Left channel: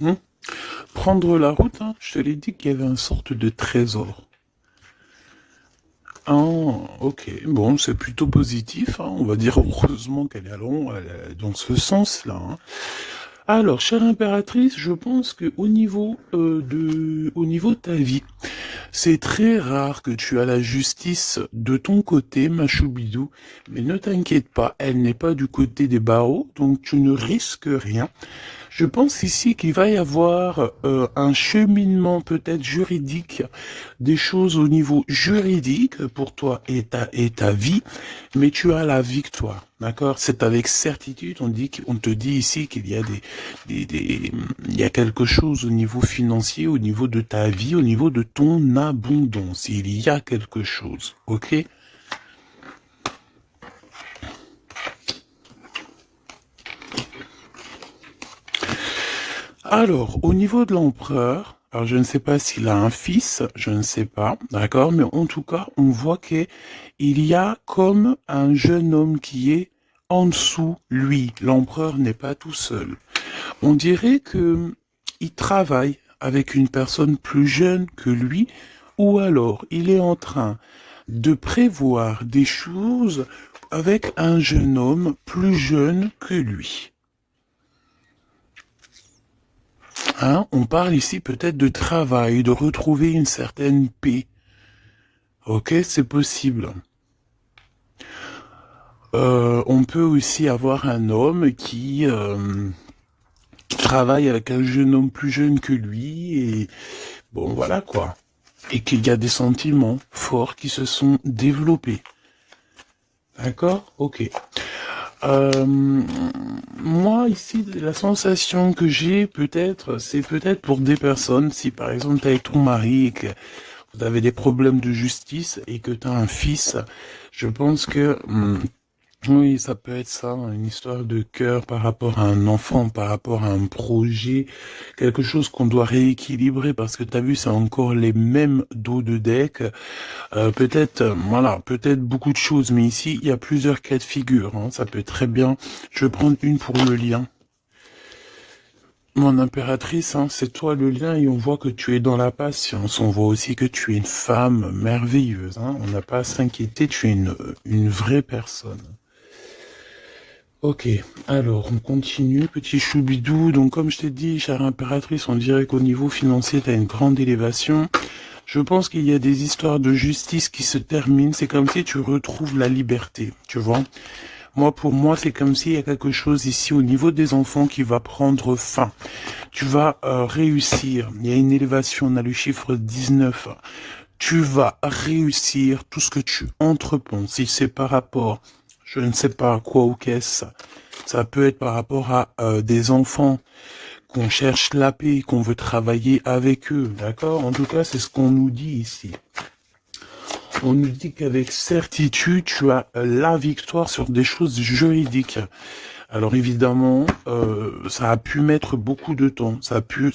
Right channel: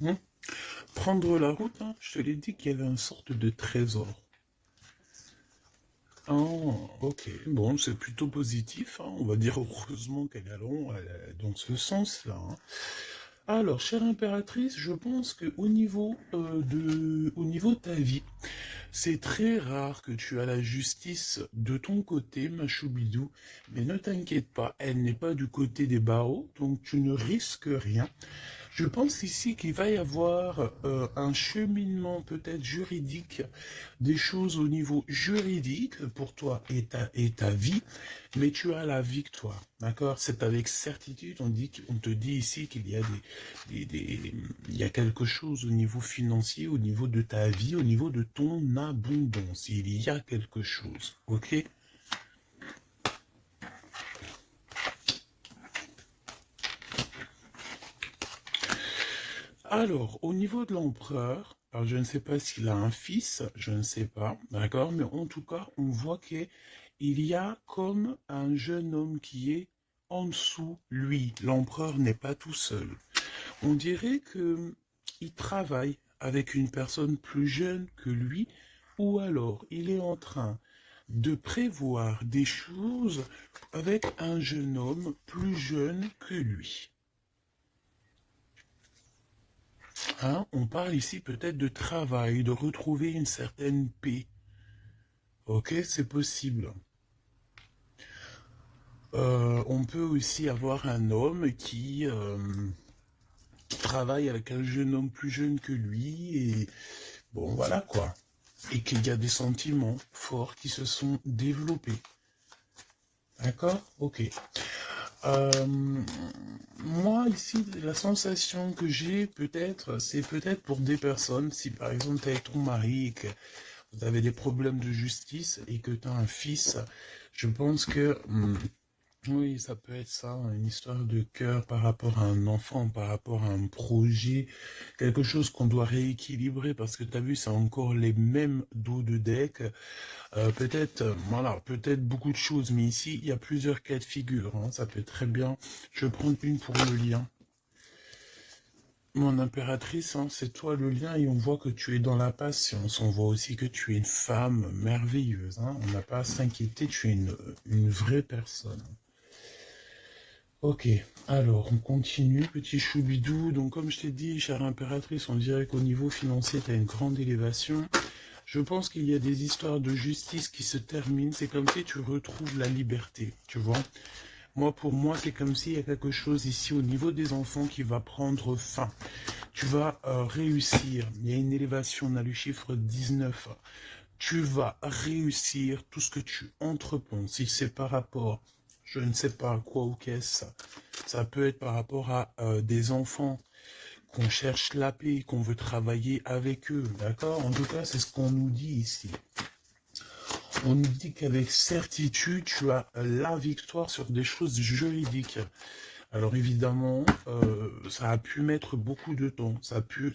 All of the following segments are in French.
Hmm. Prendre la route, hein, je te l'ai dit qu'il y avait une sorte de trésor. Ah, ok, bon, c'est plutôt positif, hein. On va dire heureusement qu'elle est dans ce sens-là, hein. Alors, chère impératrice, je pense que au niveau de ta vie, c'est très rare que tu as la justice de ton côté, ma choubidou, mais ne t'inquiète pas, elle n'est pas du côté des barreaux, donc tu ne risques rien. Je pense ici qu'il va y avoir un cheminement peut-être juridique, des choses au niveau juridique pour toi et ta vie, mais tu as la victoire, d'accord? C'est avec certitude, on te dit ici qu'il y a il y a quelque chose au niveau financier, au niveau de ta vie, au niveau de ton abondance. Il y a quelque chose, ok? Alors, au niveau de l'empereur, alors je ne sais pas s'il a un fils, je ne sais pas, d'accord, mais en tout cas, on voit qu'il y a comme un jeune homme qui est en dessous, lui. L'empereur n'est pas tout seul. On dirait que il travaille avec une personne plus jeune que lui, ou alors il est en train de prévoir des choses avec un jeune homme plus jeune que lui. Hein, on parle ici peut-être de travail, de retrouver une certaine paix. Ok, c'est possible. On peut aussi avoir un homme qui travaille avec un jeune homme plus jeune que lui et bon voilà quoi. Et qu'il y a des sentiments forts qui se sont développés. D'accord? Ok. Moi, ici, la sensation que j'ai, peut-être, c'est peut-être pour des personnes, si par exemple tu es avec ton mari et que vous avez des problèmes de justice et que tu as un fils, je pense que oui, ça peut être ça, une histoire de cœur par rapport à un enfant, par rapport à un projet, quelque chose qu'on doit rééquilibrer parce que tu as vu, c'est encore les mêmes dos de deck. Peut-être, voilà, peut-être beaucoup de choses, mais ici, il y a plusieurs cas de figure, hein. Ça peut très bien. Je vais prendre une pour le lien. Mon impératrice, hein, c'est toi le lien et on voit que tu es dans la patience. On voit aussi que tu es une femme merveilleuse, hein. On n'a pas à s'inquiéter, tu es une vraie personne. Ok, alors on continue, petit choubidou. Donc comme je t'ai dit, chère impératrice, on dirait qu'au niveau financier, tu as une grande élévation. Je pense qu'il y a des histoires de justice qui se terminent. C'est comme si tu retrouves la liberté, tu vois. Moi, pour moi, c'est comme s'il y a quelque chose ici au niveau des enfants qui va prendre fin. Tu vas réussir. Il y a une élévation, on a le chiffre 19. Tu vas réussir tout ce que tu entreprends. Si c'est par rapport, je ne sais pas à quoi ou qu'est-ce, ça peut être par rapport à des enfants qu'on cherche la paix, qu'on veut travailler avec eux, d'accord? En tout cas, c'est ce qu'on nous dit ici. On nous dit qu'avec certitude, tu as la victoire sur des choses juridiques. Alors évidemment, ça a pu mettre beaucoup de temps. Ça peut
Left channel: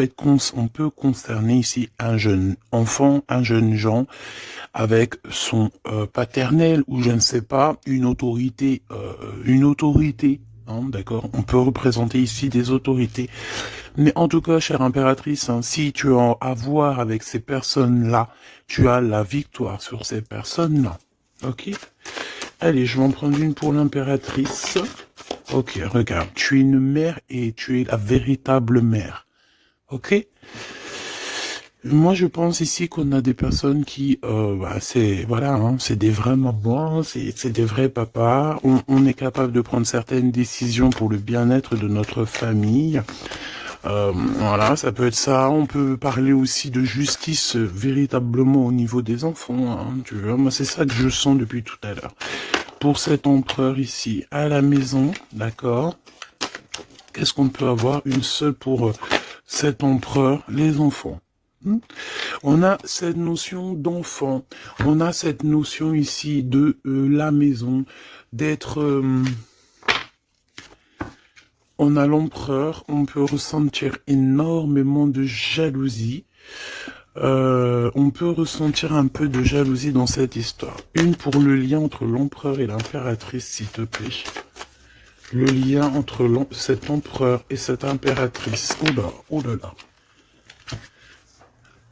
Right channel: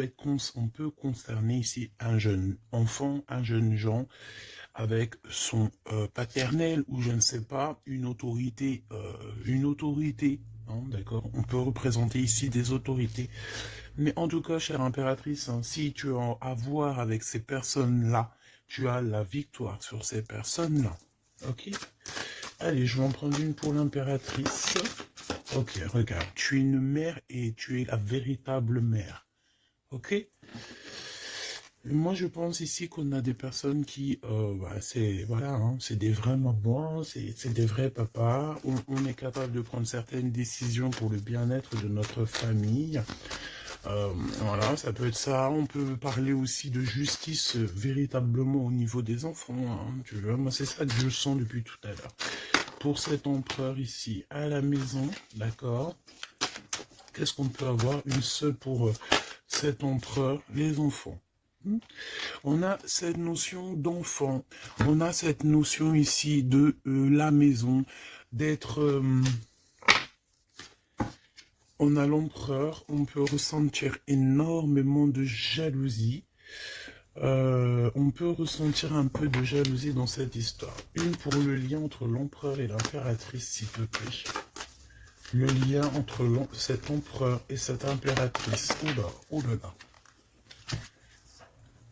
être, on peut concerner ici un jeune enfant, un jeune gens avec son paternel ou je ne sais pas, une autorité. Hein, d'accord, on peut représenter ici des autorités. Mais en tout cas, chère impératrice, hein, si tu as à voir avec ces personnes-là, tu as la victoire sur ces personnes-là. Ok? Allez, je vais en prendre une pour l'impératrice. Ok, regarde, tu es une mère et tu es la véritable mère. Ok? Moi, je pense ici qu'on a des personnes qui, c'est, voilà, hein, c'est des vrais mamans, c'est des vrais papas. On est capable de prendre certaines décisions pour le bien-être de notre famille. Voilà, ça peut être ça. On peut parler aussi de justice véritablement au niveau des enfants, hein, tu vois. Moi, c'est ça que je sens depuis tout à l'heure. Pour cet empereur ici, à la maison, d'accord? Qu'est-ce qu'on peut avoir? Une seule pour cet empereur, les enfants. On a cette notion d'enfant. On a cette notion ici de la maison, d'être... on a l'empereur, on peut ressentir énormément de jalousie. On peut ressentir un peu de jalousie dans cette histoire. Une pour le lien entre l'empereur et l'impératrice, s'il te plaît. Le lien entre cet empereur et cette impératrice. Oh là, oh là là.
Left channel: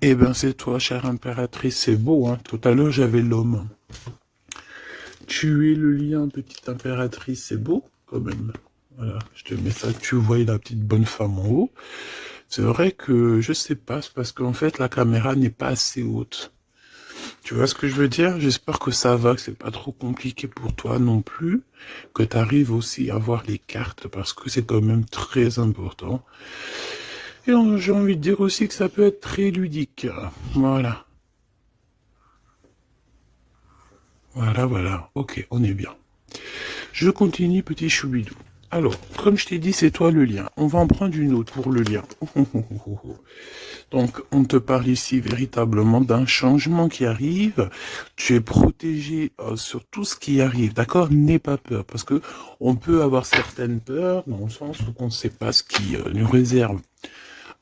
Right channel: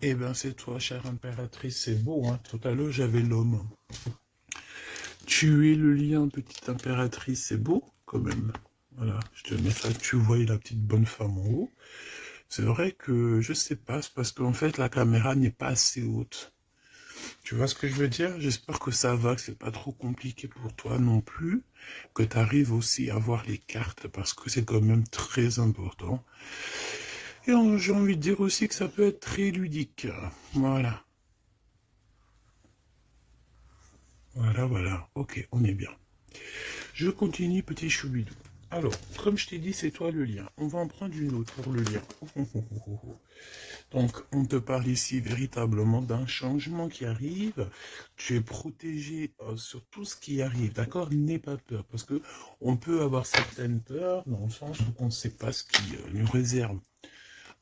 Eh ben c'est toi, chère impératrice, c'est beau, hein. Tout à l'heure j'avais l'homme. Tu es le lien, petite impératrice, c'est beau, quand même. Voilà, je te mets ça, tu vois la petite bonne femme en haut. C'est vrai que, je sais pas, c'est parce qu'en fait la caméra n'est pas assez haute. Tu vois ce que je veux dire? J'espère que ça va, que c'est pas trop compliqué pour toi non plus, que tu arrives aussi à voir les cartes, parce que c'est quand même très important. Et j'ai envie de dire aussi que ça peut être très ludique. Voilà. Voilà, voilà. Ok, on est bien. Je continue, petit choubidou. Alors, comme je t'ai dit, c'est toi le lien. On va en prendre une autre pour le lien. Donc, on te parle ici véritablement d'un changement qui arrive. Tu es protégé sur tout ce qui arrive, d'accord? N'aie pas peur, parce que on peut avoir certaines peurs, dans le sens où on ne sait pas ce qui nous réserve.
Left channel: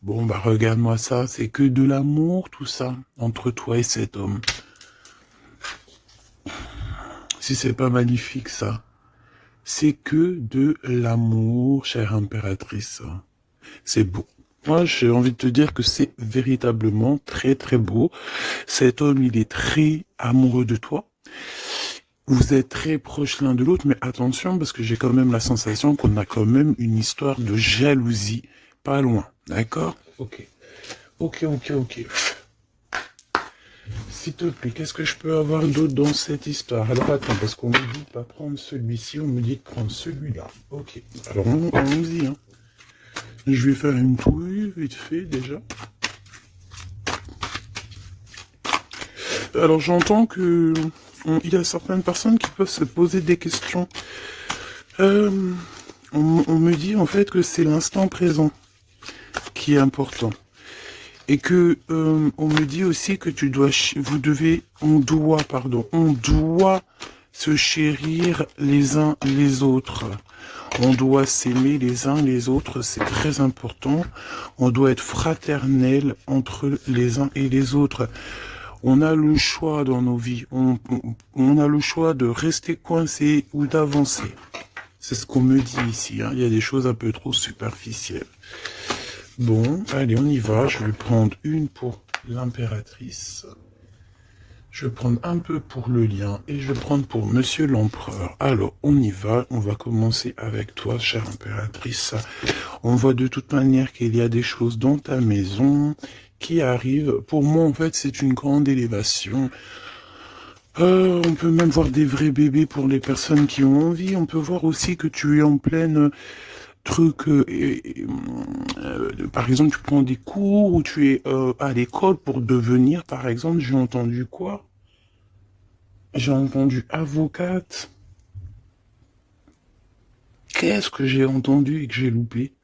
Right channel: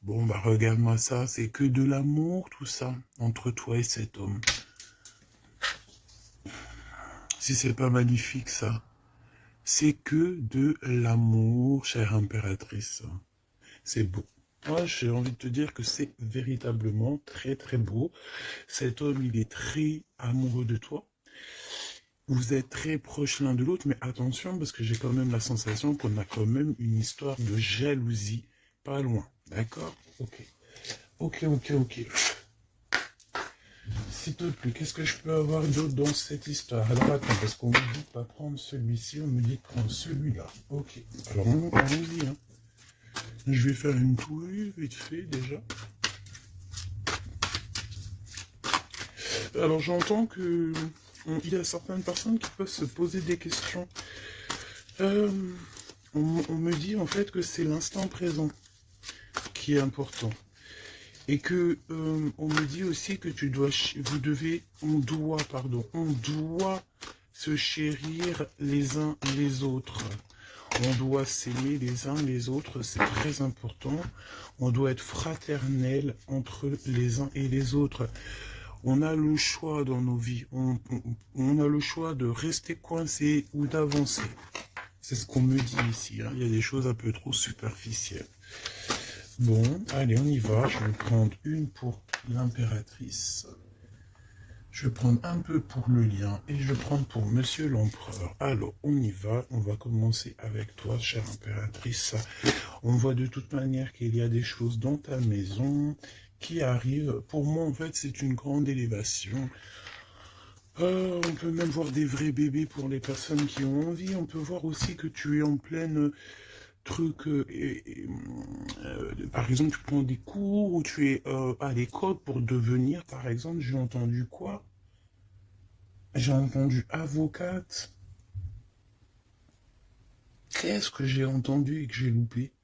Bon, bah regarde-moi ça, c'est que de l'amour, tout ça, entre toi et cet homme. Si c'est pas magnifique, ça. C'est que de l'amour, chère impératrice. C'est beau. Moi, j'ai envie de te dire que c'est véritablement très très beau. Cet homme, il est très amoureux de toi. Vous êtes très proches l'un de l'autre, mais attention, parce que j'ai quand même la sensation qu'on a quand même une histoire de jalousie pas loin. D'accord? Ok. Ok, ok, ok. S'il te plaît, qu'est-ce que je peux avoir d'autre dans cette histoire? Alors attends, parce qu'on me dit de pas prendre celui-ci, on me dit de prendre celui-là. Ok, alors allons-y. Hein. Je vais faire une touille vite fait déjà. Alors j'entends que il y a certaines personnes qui peuvent se poser des questions. On me dit en fait que c'est l'instant présent qui est important. Et que on me dit aussi que on doit se chérir les uns les autres. On doit s'aimer les uns les autres, c'est très important. On doit être fraternel entre les uns et les autres. On a le choix dans nos vies. On a le choix de rester coincé ou d'avancer. C'est ce qu'on me dit ici. Hein. Il y a des choses un peu trop superficielles. Bon, allez, on y va. Je vais prendre une pour l'impératrice. Je vais prendre un peu pour le lien et je vais prendre pour Monsieur l'Empereur. Alors, on y va. On va commencer avec toi, chère impératrice. On voit de toute manière qu'il y a des choses dans ta maison qui arrivent. Pour moi, en fait, c'est une grande élévation. On peut même voir des vrais bébés pour les personnes qui ont envie. On peut voir aussi que tu es en pleine truc, par exemple, tu prends des cours ou tu es à l'école pour devenir, par exemple, j'ai entendu quoi? J'ai entendu avocate. Qu'est-ce que j'ai entendu et que j'ai loupé?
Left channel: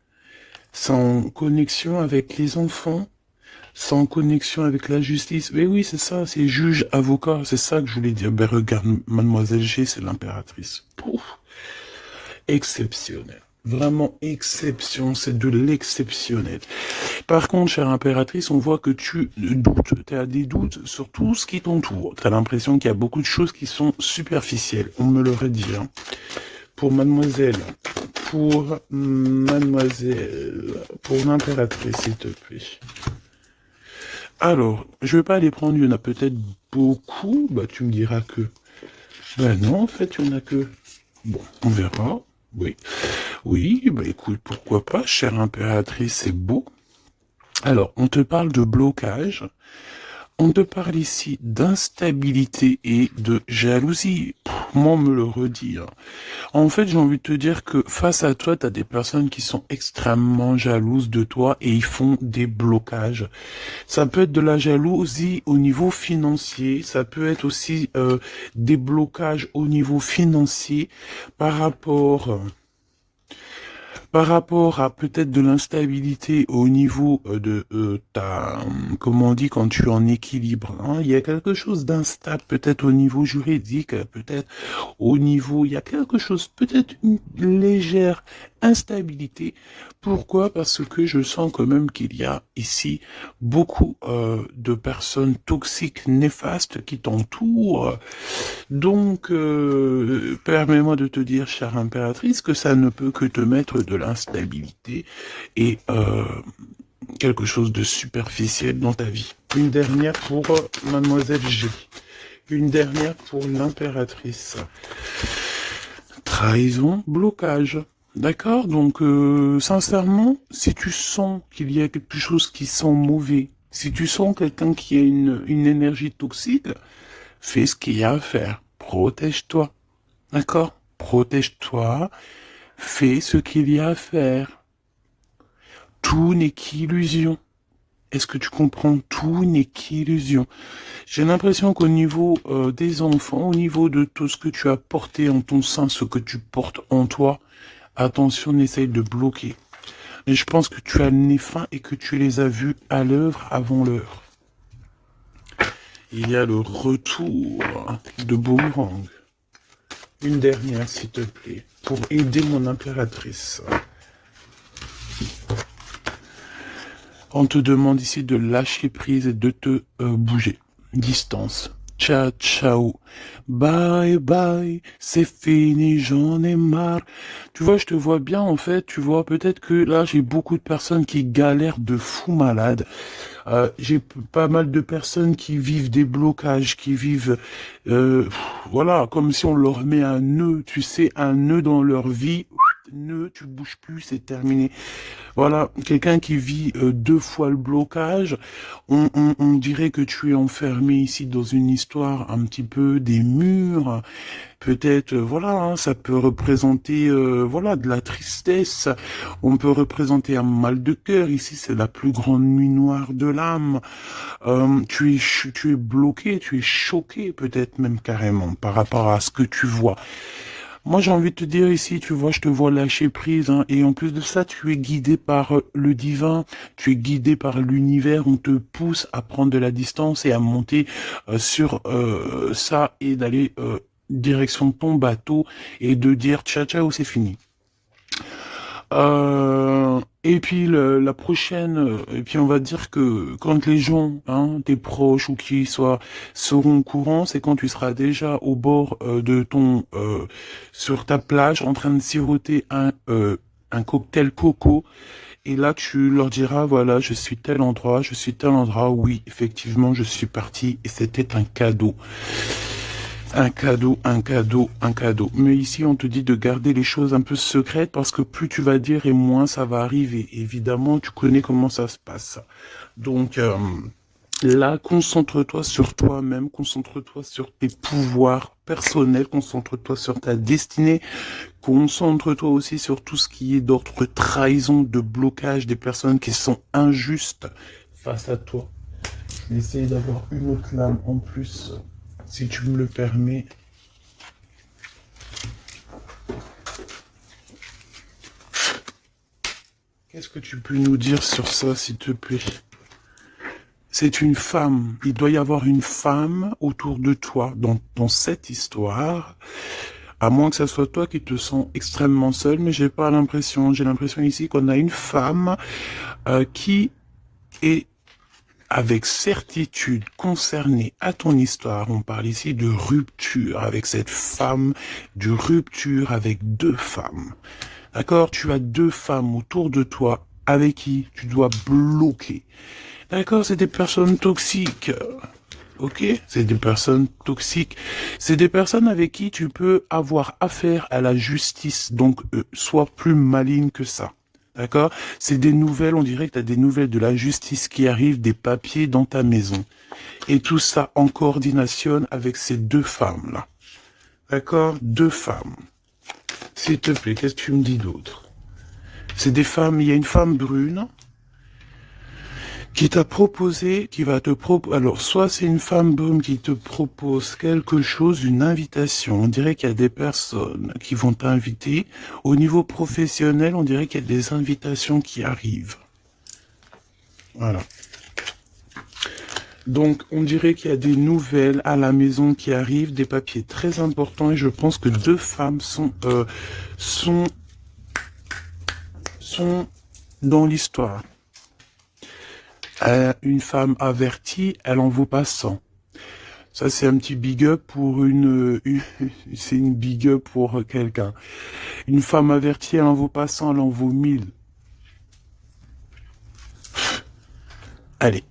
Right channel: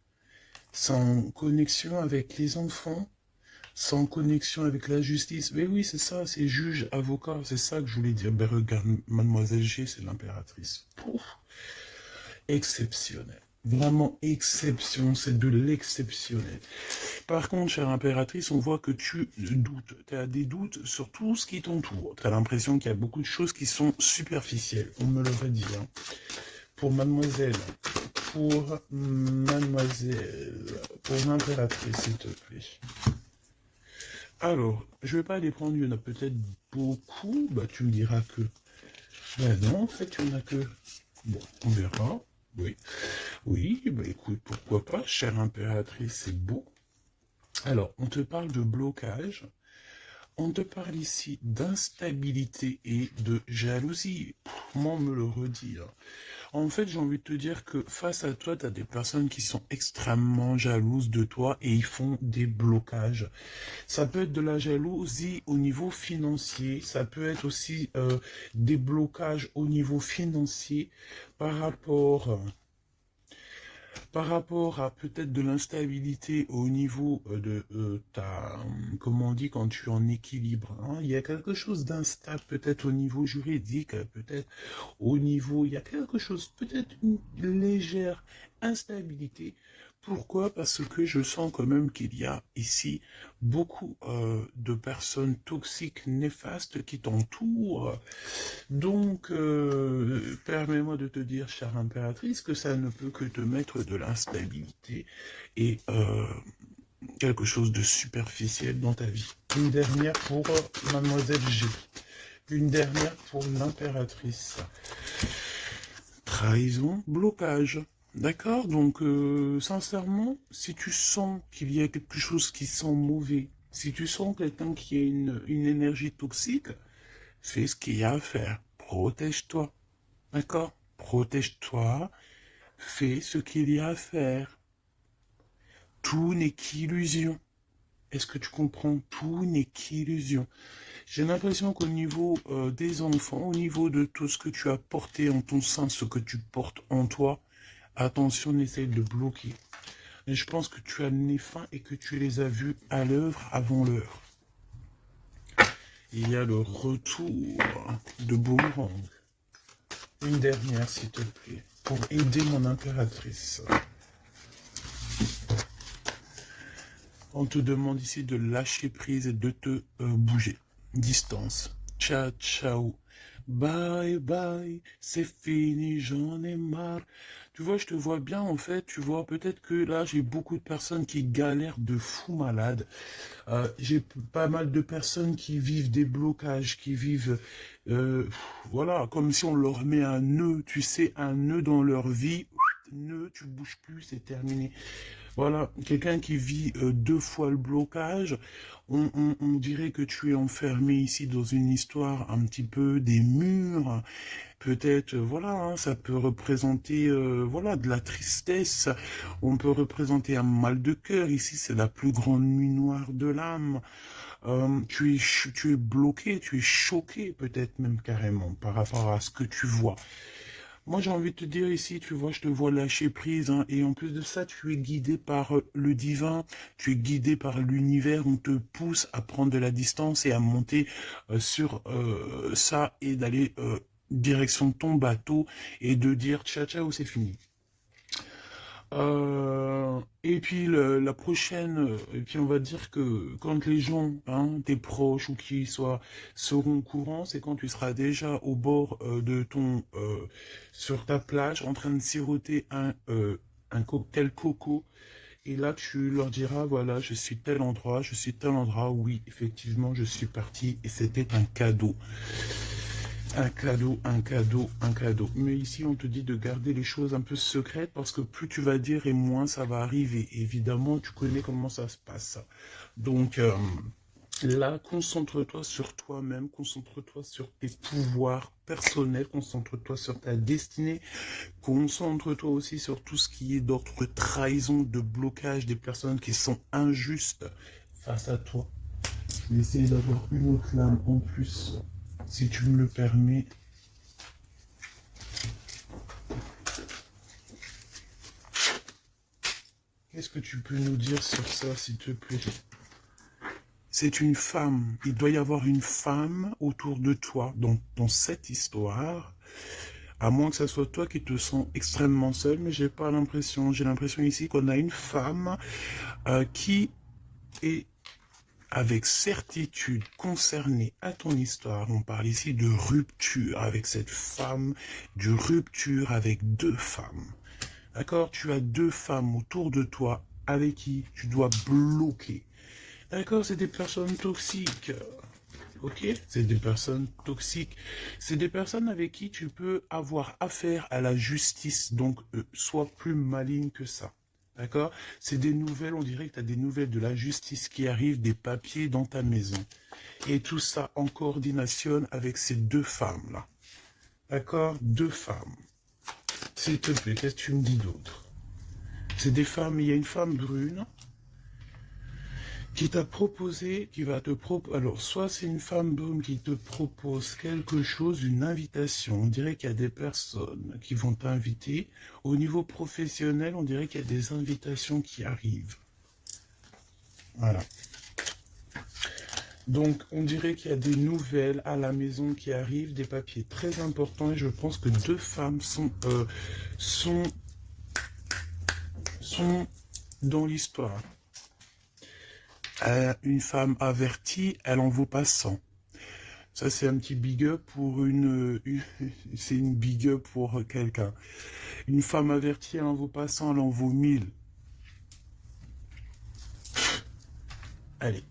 Sans connexion avec les enfants, sans connexion avec la justice. Mais oui, c'est ça, c'est juge, avocat, c'est ça que je voulais dire. Ben regarde, mademoiselle G, c'est l'impératrice. Pouf, exceptionnel. Vraiment exception, c'est de l'exceptionnel. Par contre, chère impératrice, on voit que tu doutes, tu as des doutes sur tout ce qui t'entoure. Tu as l'impression qu'il y a beaucoup de choses qui sont superficielles, on me l'aurait dit. Hein. Pour mademoiselle, pour l'impératrice, s'il te plaît. Alors, je vais pas aller prendre, il y en a peut-être beaucoup, bah tu me diras que... Ben non, en fait, il y en a que... Bon, on verra. Oui, oui, bah écoute, pourquoi pas, chère impératrice, c'est beau. Alors, on te parle de blocage, on te parle ici d'instabilité et de jalousie. Moi, on me le redit. Hein. En fait, j'ai envie de te dire que face à toi, tu as des personnes qui sont extrêmement jalouses de toi et ils font des blocages. Ça peut être de la jalousie au niveau financier, ça peut être aussi des blocages au niveau financier par rapport à peut-être de l'instabilité au niveau de ta, comment on dit, quand tu es en équilibre, hein, il y a quelque chose d'instable, peut-être au niveau juridique, peut-être au niveau, il y a quelque chose, peut-être une légère instabilité Pourquoi? Parce que je sens quand même qu'il y a ici beaucoup de personnes toxiques, néfastes qui t'entourent. Donc, permets-moi de te dire, chère impératrice, que ça ne peut que te mettre de l'instabilité et quelque chose de superficiel dans ta vie. Une dernière pour Mademoiselle G. Une dernière pour l'impératrice. Trahison, blocage. D'accord? Donc, sincèrement, si tu sens qu'il y a quelque chose qui sent mauvais, si tu sens quelqu'un qui a une énergie toxique, fais ce qu'il y a à faire. Protège-toi. D'accord? Protège-toi. Fais ce qu'il y a à faire. Tout n'est qu'illusion. Est-ce que tu comprends? Tout n'est qu'illusion. J'ai l'impression qu'au niveau des enfants, au niveau de tout ce que tu as porté en ton sein, ce que tu portes en toi, attention, essaye de bloquer. Et je pense que tu as le nez fin et que tu les as vus à l'œuvre avant l'heure. Il y a le retour de Boomerang. Une dernière, s'il te plaît, pour aider mon impératrice. On te demande ici de lâcher prise et de te bouger. Distance. Ciao, ciao. Bye, bye. C'est fini, j'en ai marre. Tu vois, je te vois bien, en fait. Tu vois, peut-être que là, j'ai beaucoup de personnes qui galèrent de fou malade. J'ai pas mal de personnes qui vivent des blocages, qui vivent, voilà, comme si on leur met un nœud, tu sais, un nœud dans leur vie. Nœud, tu bouges plus, c'est terminé. Voilà, quelqu'un qui vit deux fois le blocage, on dirait que tu es enfermé ici dans une histoire un petit peu des murs. Peut-être, voilà, hein, ça peut représenter, voilà, de la tristesse. On peut représenter un mal de cœur. Ici, c'est la plus grande nuit noire de l'âme. Tu es bloqué, tu es choqué, peut-être même carrément, par rapport à ce que tu vois. Moi, j'ai envie de te dire ici, tu vois, je te vois lâcher prise, hein, et en plus de ça, tu es guidé par le divin, tu es guidé par l'univers, on te pousse à prendre de la distance et à monter sur ça et d'aller direction ton bateau et de dire ciao ciao, c'est fini. Et puis la prochaine, et puis on va dire que quand les gens, hein, tes proches ou qui soient, seront au courant, c'est quand tu seras déjà au bord de ton, sur ta plage, en train de siroter un cocktail coco, et là tu leur diras, voilà, je suis tel endroit, je suis tel endroit, oui, effectivement, je suis parti, et c'était un cadeau. Un cadeau, un cadeau, un cadeau. Mais ici, on te dit de garder les choses un peu secrètes parce que plus tu vas dire et moins ça va arriver. Évidemment, tu connais comment ça se passe. Donc, là, concentre-toi sur toi-même, concentre-toi sur tes pouvoirs personnels, concentre-toi sur ta destinée, concentre-toi aussi sur tout ce qui est d'ordre trahison, de blocage, des personnes qui sont injustes face à toi. Essaye d'avoir une autre lame en plus, si tu me le permets. Qu'est-ce que tu peux nous dire sur ça, s'il te plaît? C'est une femme. Il doit y avoir une femme autour de toi dans cette histoire. À moins que ça soit toi qui te sens extrêmement seul, mais j'ai pas l'impression. J'ai l'impression ici qu'on a une femme qui est avec certitude concernée à ton histoire. On parle ici de rupture avec cette femme, de rupture avec deux femmes. D'accord? Tu as deux femmes autour de toi avec qui tu dois bloquer. D'accord? C'est des personnes toxiques. Ok? C'est des personnes toxiques. C'est des personnes avec qui tu peux avoir affaire à la justice. Donc, sois plus maligne que ça. D'accord? C'est des nouvelles, on dirait que tu as des nouvelles de la justice qui arrivent, des papiers dans ta maison. Et tout ça en coordination avec ces deux femmes-là. D'accord? Deux femmes. S'il te plaît, qu'est-ce que tu me dis d'autre? C'est des femmes, il y a une femme brune qui t'a proposé, qui va te proposer, alors soit c'est une femme brune qui te propose quelque chose, une invitation, on dirait qu'il y a des personnes qui vont t'inviter, au niveau professionnel, on dirait qu'il y a des invitations qui arrivent. Voilà. Donc, on dirait qu'il y a des nouvelles à la maison qui arrivent, des papiers très importants, et je pense que deux femmes sont dans l'histoire. Une femme avertie, elle en vaut pas 100. Ça, c'est un petit big up pour c'est une big up pour quelqu'un. Une femme avertie, elle en vaut pas 100, elle en vaut 1000. Allez,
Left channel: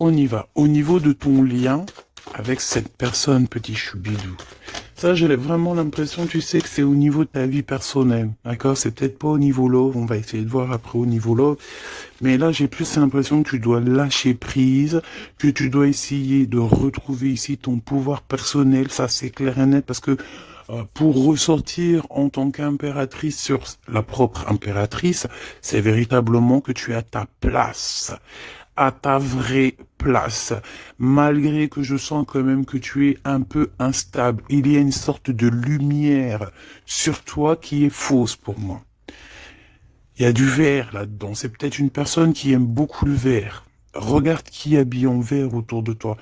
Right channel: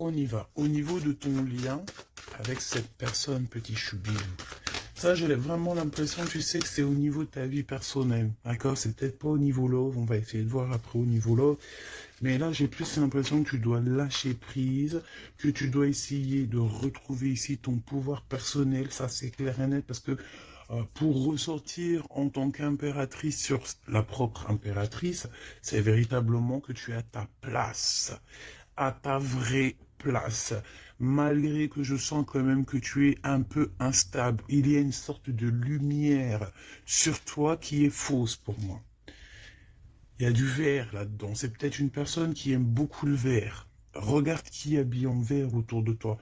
on y va. Au niveau de ton lien avec cette personne, petit choubidou, ça, j'ai vraiment l'impression, tu sais, que c'est au niveau de ta vie personnelle, d'accord? C'est peut-être pas au niveau love, on va essayer de voir après au niveau love, mais là, j'ai plus l'impression que tu dois lâcher prise, que tu dois essayer de retrouver ici ton pouvoir personnel, ça c'est clair et net, parce que pour ressortir en tant qu'impératrice sur la propre impératrice, c'est véritablement que tu as ta place, à ta vraie place, malgré que je sens quand même que tu es un peu instable. Il y a une sorte de lumière sur toi qui est fausse pour moi. Il y a du vert là-dedans. C'est peut-être une personne qui aime beaucoup le vert. Regarde qui habille en vert autour de toi.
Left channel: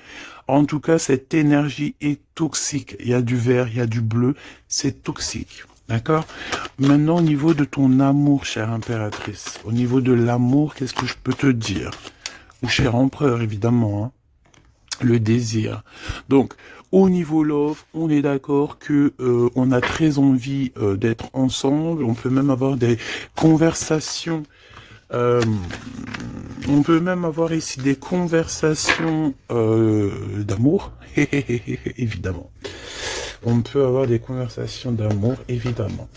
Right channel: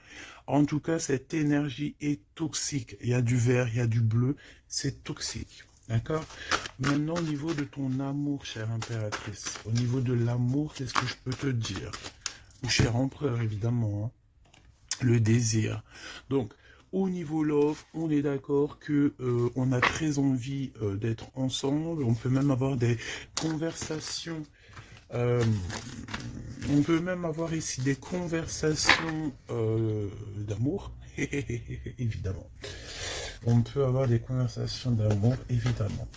En tout cas, cette énergie est toxique. Il y a du vert, il y a du bleu. C'est toxique. D'accord? Maintenant, au niveau de ton amour, chère impératrice, au niveau de l'amour, qu'est-ce que je peux te dire? Ou cher empereur, évidemment, hein, le désir. Donc, au niveau love, on est d'accord que on a très envie d'être ensemble. On peut même avoir des conversations. euh, on peut même avoir ici des conversations d'amour, évidemment. On peut avoir des conversations d'amour, évidemment.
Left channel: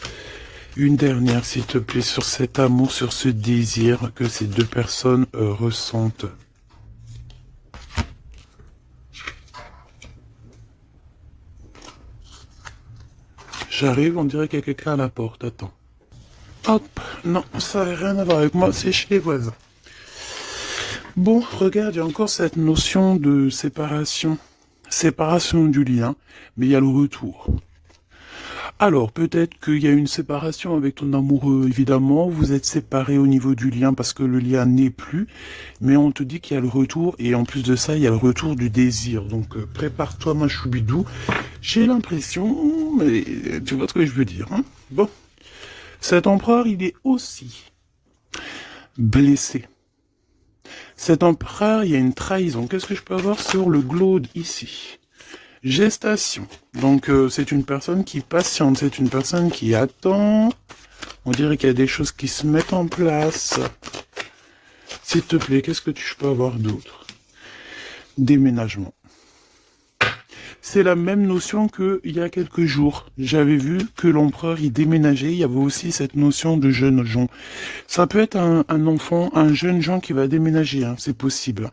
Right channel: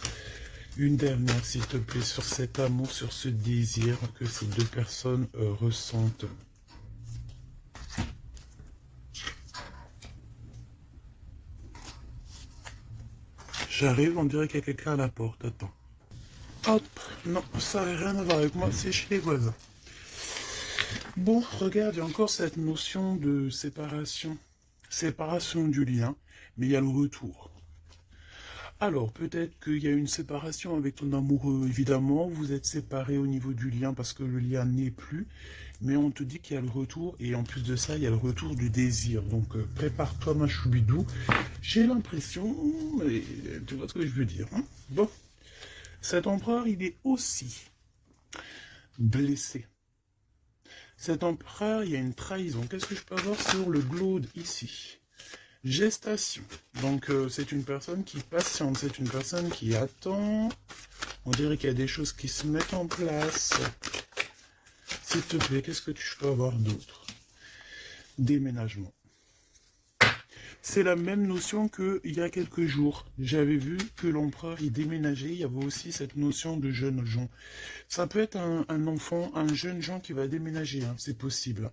Une dernière, s'il te plaît, sur cet amour, sur ce désir que ces deux personnes ressentent. J'arrive, on dirait qu'il y a quelqu'un à la porte. Attends. Hop, non, ça n'a rien à voir avec moi, c'est chez les voisins. Bon, regarde, il y a encore cette notion de séparation. Séparation du lien, mais il y a le retour. Alors, peut-être qu'il y a une séparation avec ton amoureux, évidemment. Vous êtes séparés au niveau du lien parce que le lien n'est plus. Mais on te dit qu'il y a le retour. Et en plus de ça, il y a le retour du désir. Donc, prépare-toi, ma choubidou. J'ai l'impression, mais tu vois ce que je veux dire, hein? Bon. Cet empereur, il est aussi blessé. Cet empereur, il y a une trahison. Qu'est-ce que je peux avoir sur le glaude ici? Gestation. Donc, c'est une personne qui patiente. C'est une personne qui attend. On dirait qu'il y a des choses qui se mettent en place. S'il te plaît, qu'est-ce que tu peux avoir d'autre? Déménagement. C'est la même notion qu'il y a quelques jours. J'avais vu que l'empereur y déménageait. Il y avait aussi cette notion de jeunes gens. Ça peut être un enfant, un jeune gens qui va déménager, hein, c'est possible.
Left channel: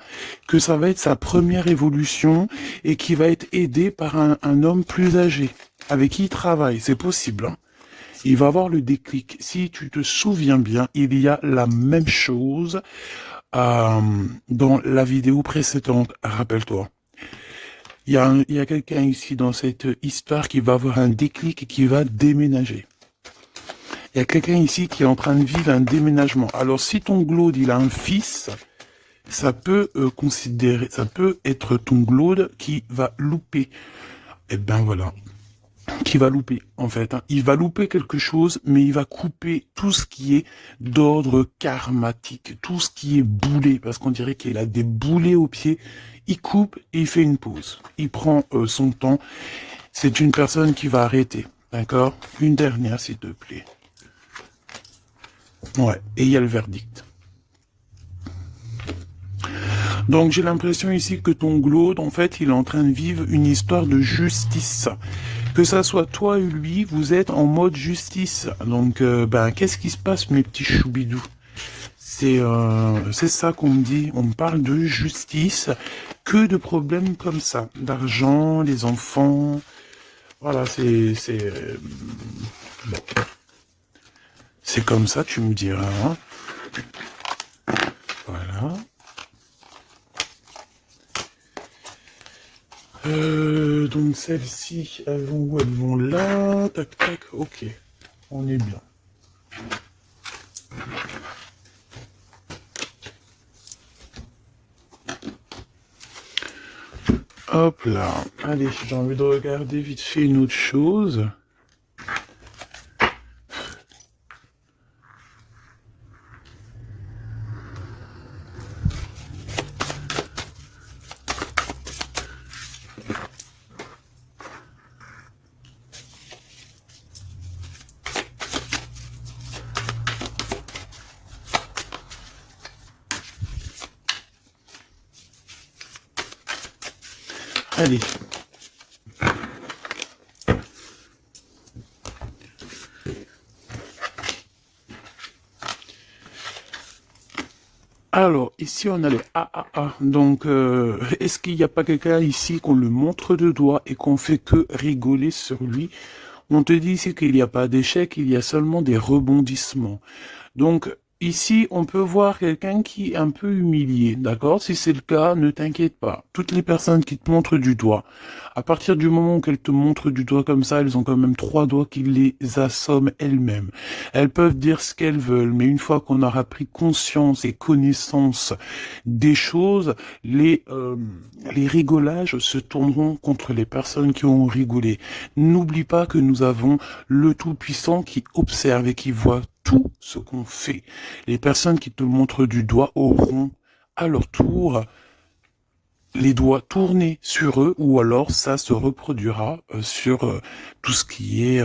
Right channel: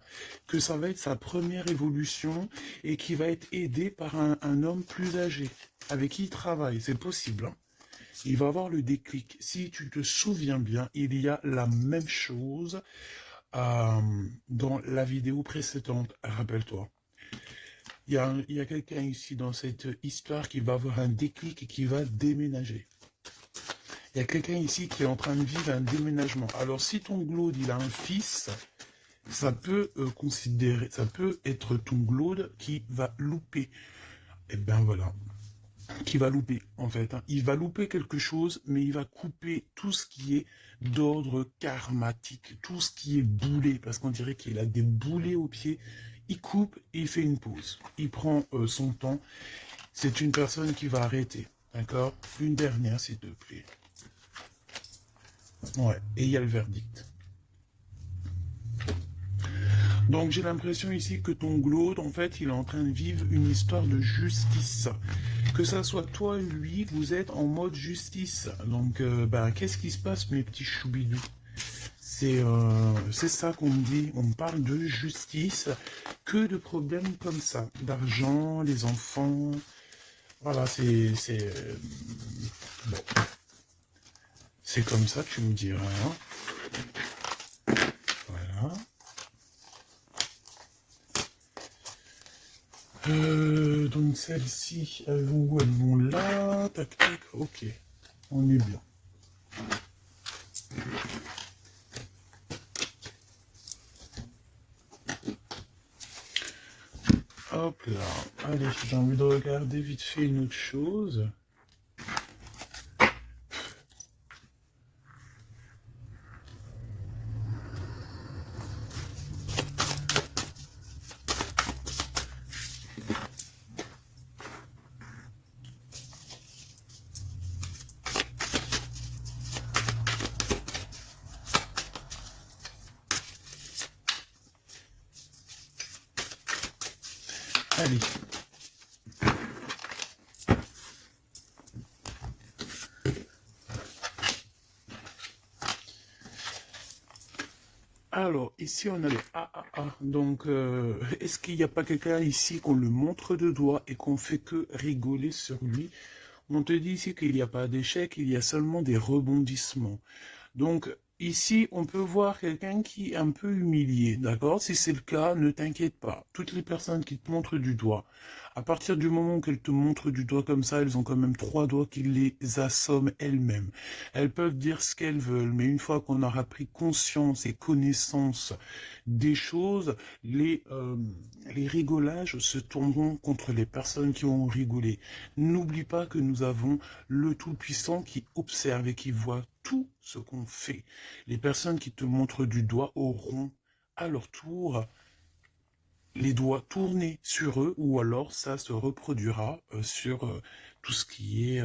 Que ça va être sa première évolution et qui va être aidé par un homme plus âgé, avec qui il travaille, c'est possible. Hein. Il va avoir le déclic. Si tu te souviens bien, il y a la même chose dans la vidéo précédente, rappelle-toi. Il y a quelqu'un ici dans cette histoire qui va avoir un déclic et qui va déménager. Il y a quelqu'un ici qui est en train de vivre un déménagement. Alors, si ton glaude, il a un fils, ça peut ça peut être ton glaude qui va louper. Eh ben voilà, qui va louper en fait. Hein. Il va louper quelque chose, mais il va couper tout ce qui est d'ordre karmatique, tout ce qui est boulé, parce qu'on dirait qu'il a des boulets aux pieds. Il coupe et il fait une pause. Il prend son temps. C'est une personne qui va arrêter. D'accord? Une dernière, s'il te plaît. Ouais, et il y a le verdict. Donc j'ai l'impression ici que ton glaude, en fait, il est en train de vivre une histoire de justice. Que ça soit toi et lui, vous êtes en mode justice. Donc, ben, qu'est-ce qui se passe, mes petits choubidous? C'est ça qu'on me dit. On me parle de justice. Que de problèmes comme ça. D'argent, les enfants. Voilà, bon. C'est comme ça, tu me diras. Hein. Voilà. Donc celles-ci, elles vont où? Elles vont là. Tac, tac. Ok. On est bien. Hop là. Allez, j'ai envie de regarder vite fait une autre chose. Allez. Alors, ici, on a le AAA. Donc, est-ce qu'il n'y a pas quelqu'un ici qu'on le montre de doigt et qu'on fait que rigoler sur lui? On te dit ici qu'il n'y a pas d'échec, il y a seulement des rebondissements. Donc, ici, on peut voir quelqu'un qui est un peu humilié, d'accord? Si c'est le cas, ne t'inquiète pas. Toutes les personnes qui te montrent du doigt, à partir du moment qu'elles te montrent du doigt comme ça, elles ont quand même trois doigts qui les assomment elles-mêmes. Elles peuvent dire ce qu'elles veulent, mais une fois qu'on aura pris conscience et connaissance des choses, les rigolages se tourneront contre les personnes qui ont rigolé. N'oublie pas que nous avons le Tout-Puissant qui observe et qui voit tout ce qu'on fait. Les personnes qui te montrent du doigt auront à leur tour les doigts tournés sur eux, ou alors ça se reproduira sur tout ce qui est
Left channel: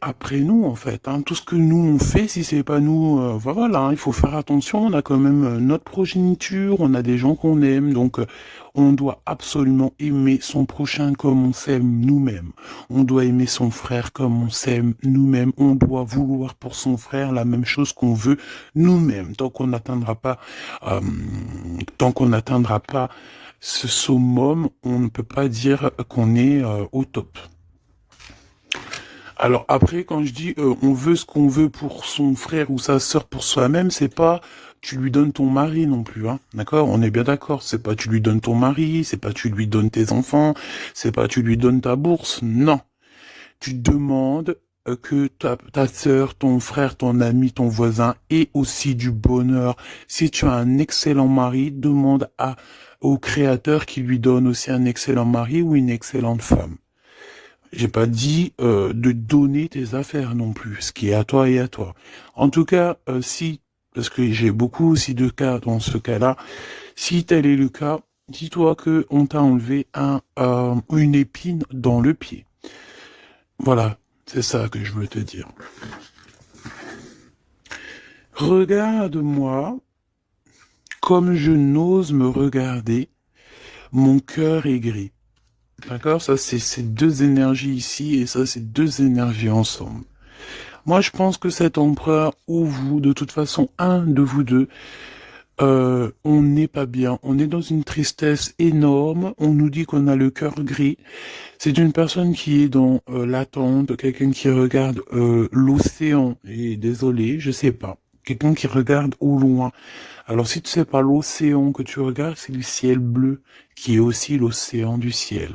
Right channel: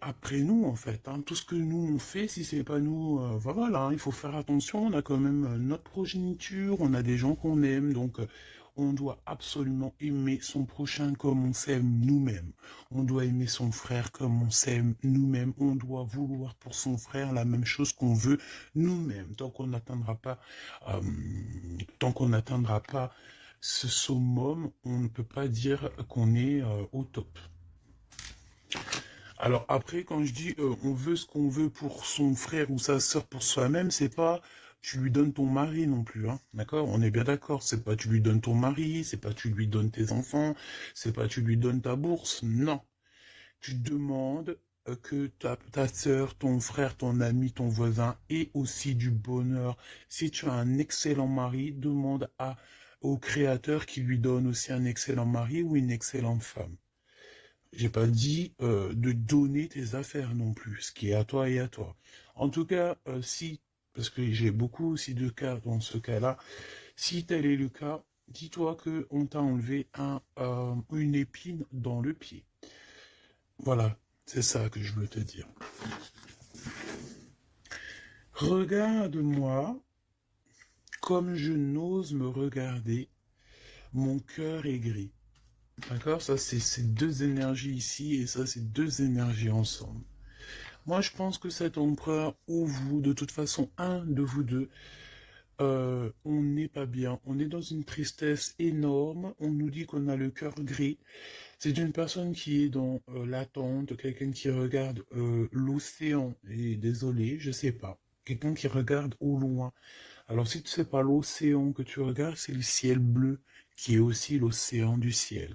après nous, en fait. Hein. Tout ce que nous on fait, si c'est pas nous, voilà, hein, il faut faire attention. On a quand même notre progéniture, on a des gens qu'on aime, donc on doit absolument aimer son prochain comme on s'aime nous-mêmes. On doit aimer son frère comme on s'aime nous-mêmes. On doit vouloir pour son frère la même chose qu'on veut nous-mêmes. Euh, tant qu'on n'atteindra pas ce summum, on ne peut pas dire qu'on est au top. Alors après, quand je dis on veut ce qu'on veut pour son frère ou sa sœur pour soi-même, c'est pas tu lui donnes ton mari non plus, hein. D'accord? On est bien d'accord. C'est pas tu lui donnes ton mari, c'est pas tu lui donnes tes enfants, c'est pas tu lui donnes ta bourse. Non. Tu demandes que ta sœur, ton frère, ton ami, ton voisin ait aussi du bonheur. Si tu as un excellent mari, demande au créateur qui lui donne aussi un excellent mari ou une excellente femme. J'ai pas dit de donner tes affaires non plus, ce qui est à toi et à toi. En tout cas, si, parce que j'ai beaucoup aussi de cas dans ce cas-là, si tel est le cas, dis-toi que on t'a enlevé une épine dans le pied. Voilà, c'est ça que je veux te dire. Regarde-moi comme je n'ose me regarder, mon cœur est gris. D'accord? Ça, c'est ces deux énergies ici et ça, c'est deux énergies ensemble. Moi, je pense que cet empereur ou vous, de toute façon, un de vous deux, on n'est pas bien. On est dans une tristesse énorme. On nous dit qu'on a le cœur gris. C'est une personne qui est dans l'attente, quelqu'un qui regarde l'océan. Et désolé, je sais pas. Quelqu'un qui regarde au loin. Alors si tu sais pas l'océan que tu regardes, c'est le ciel bleu qui est aussi l'océan du ciel.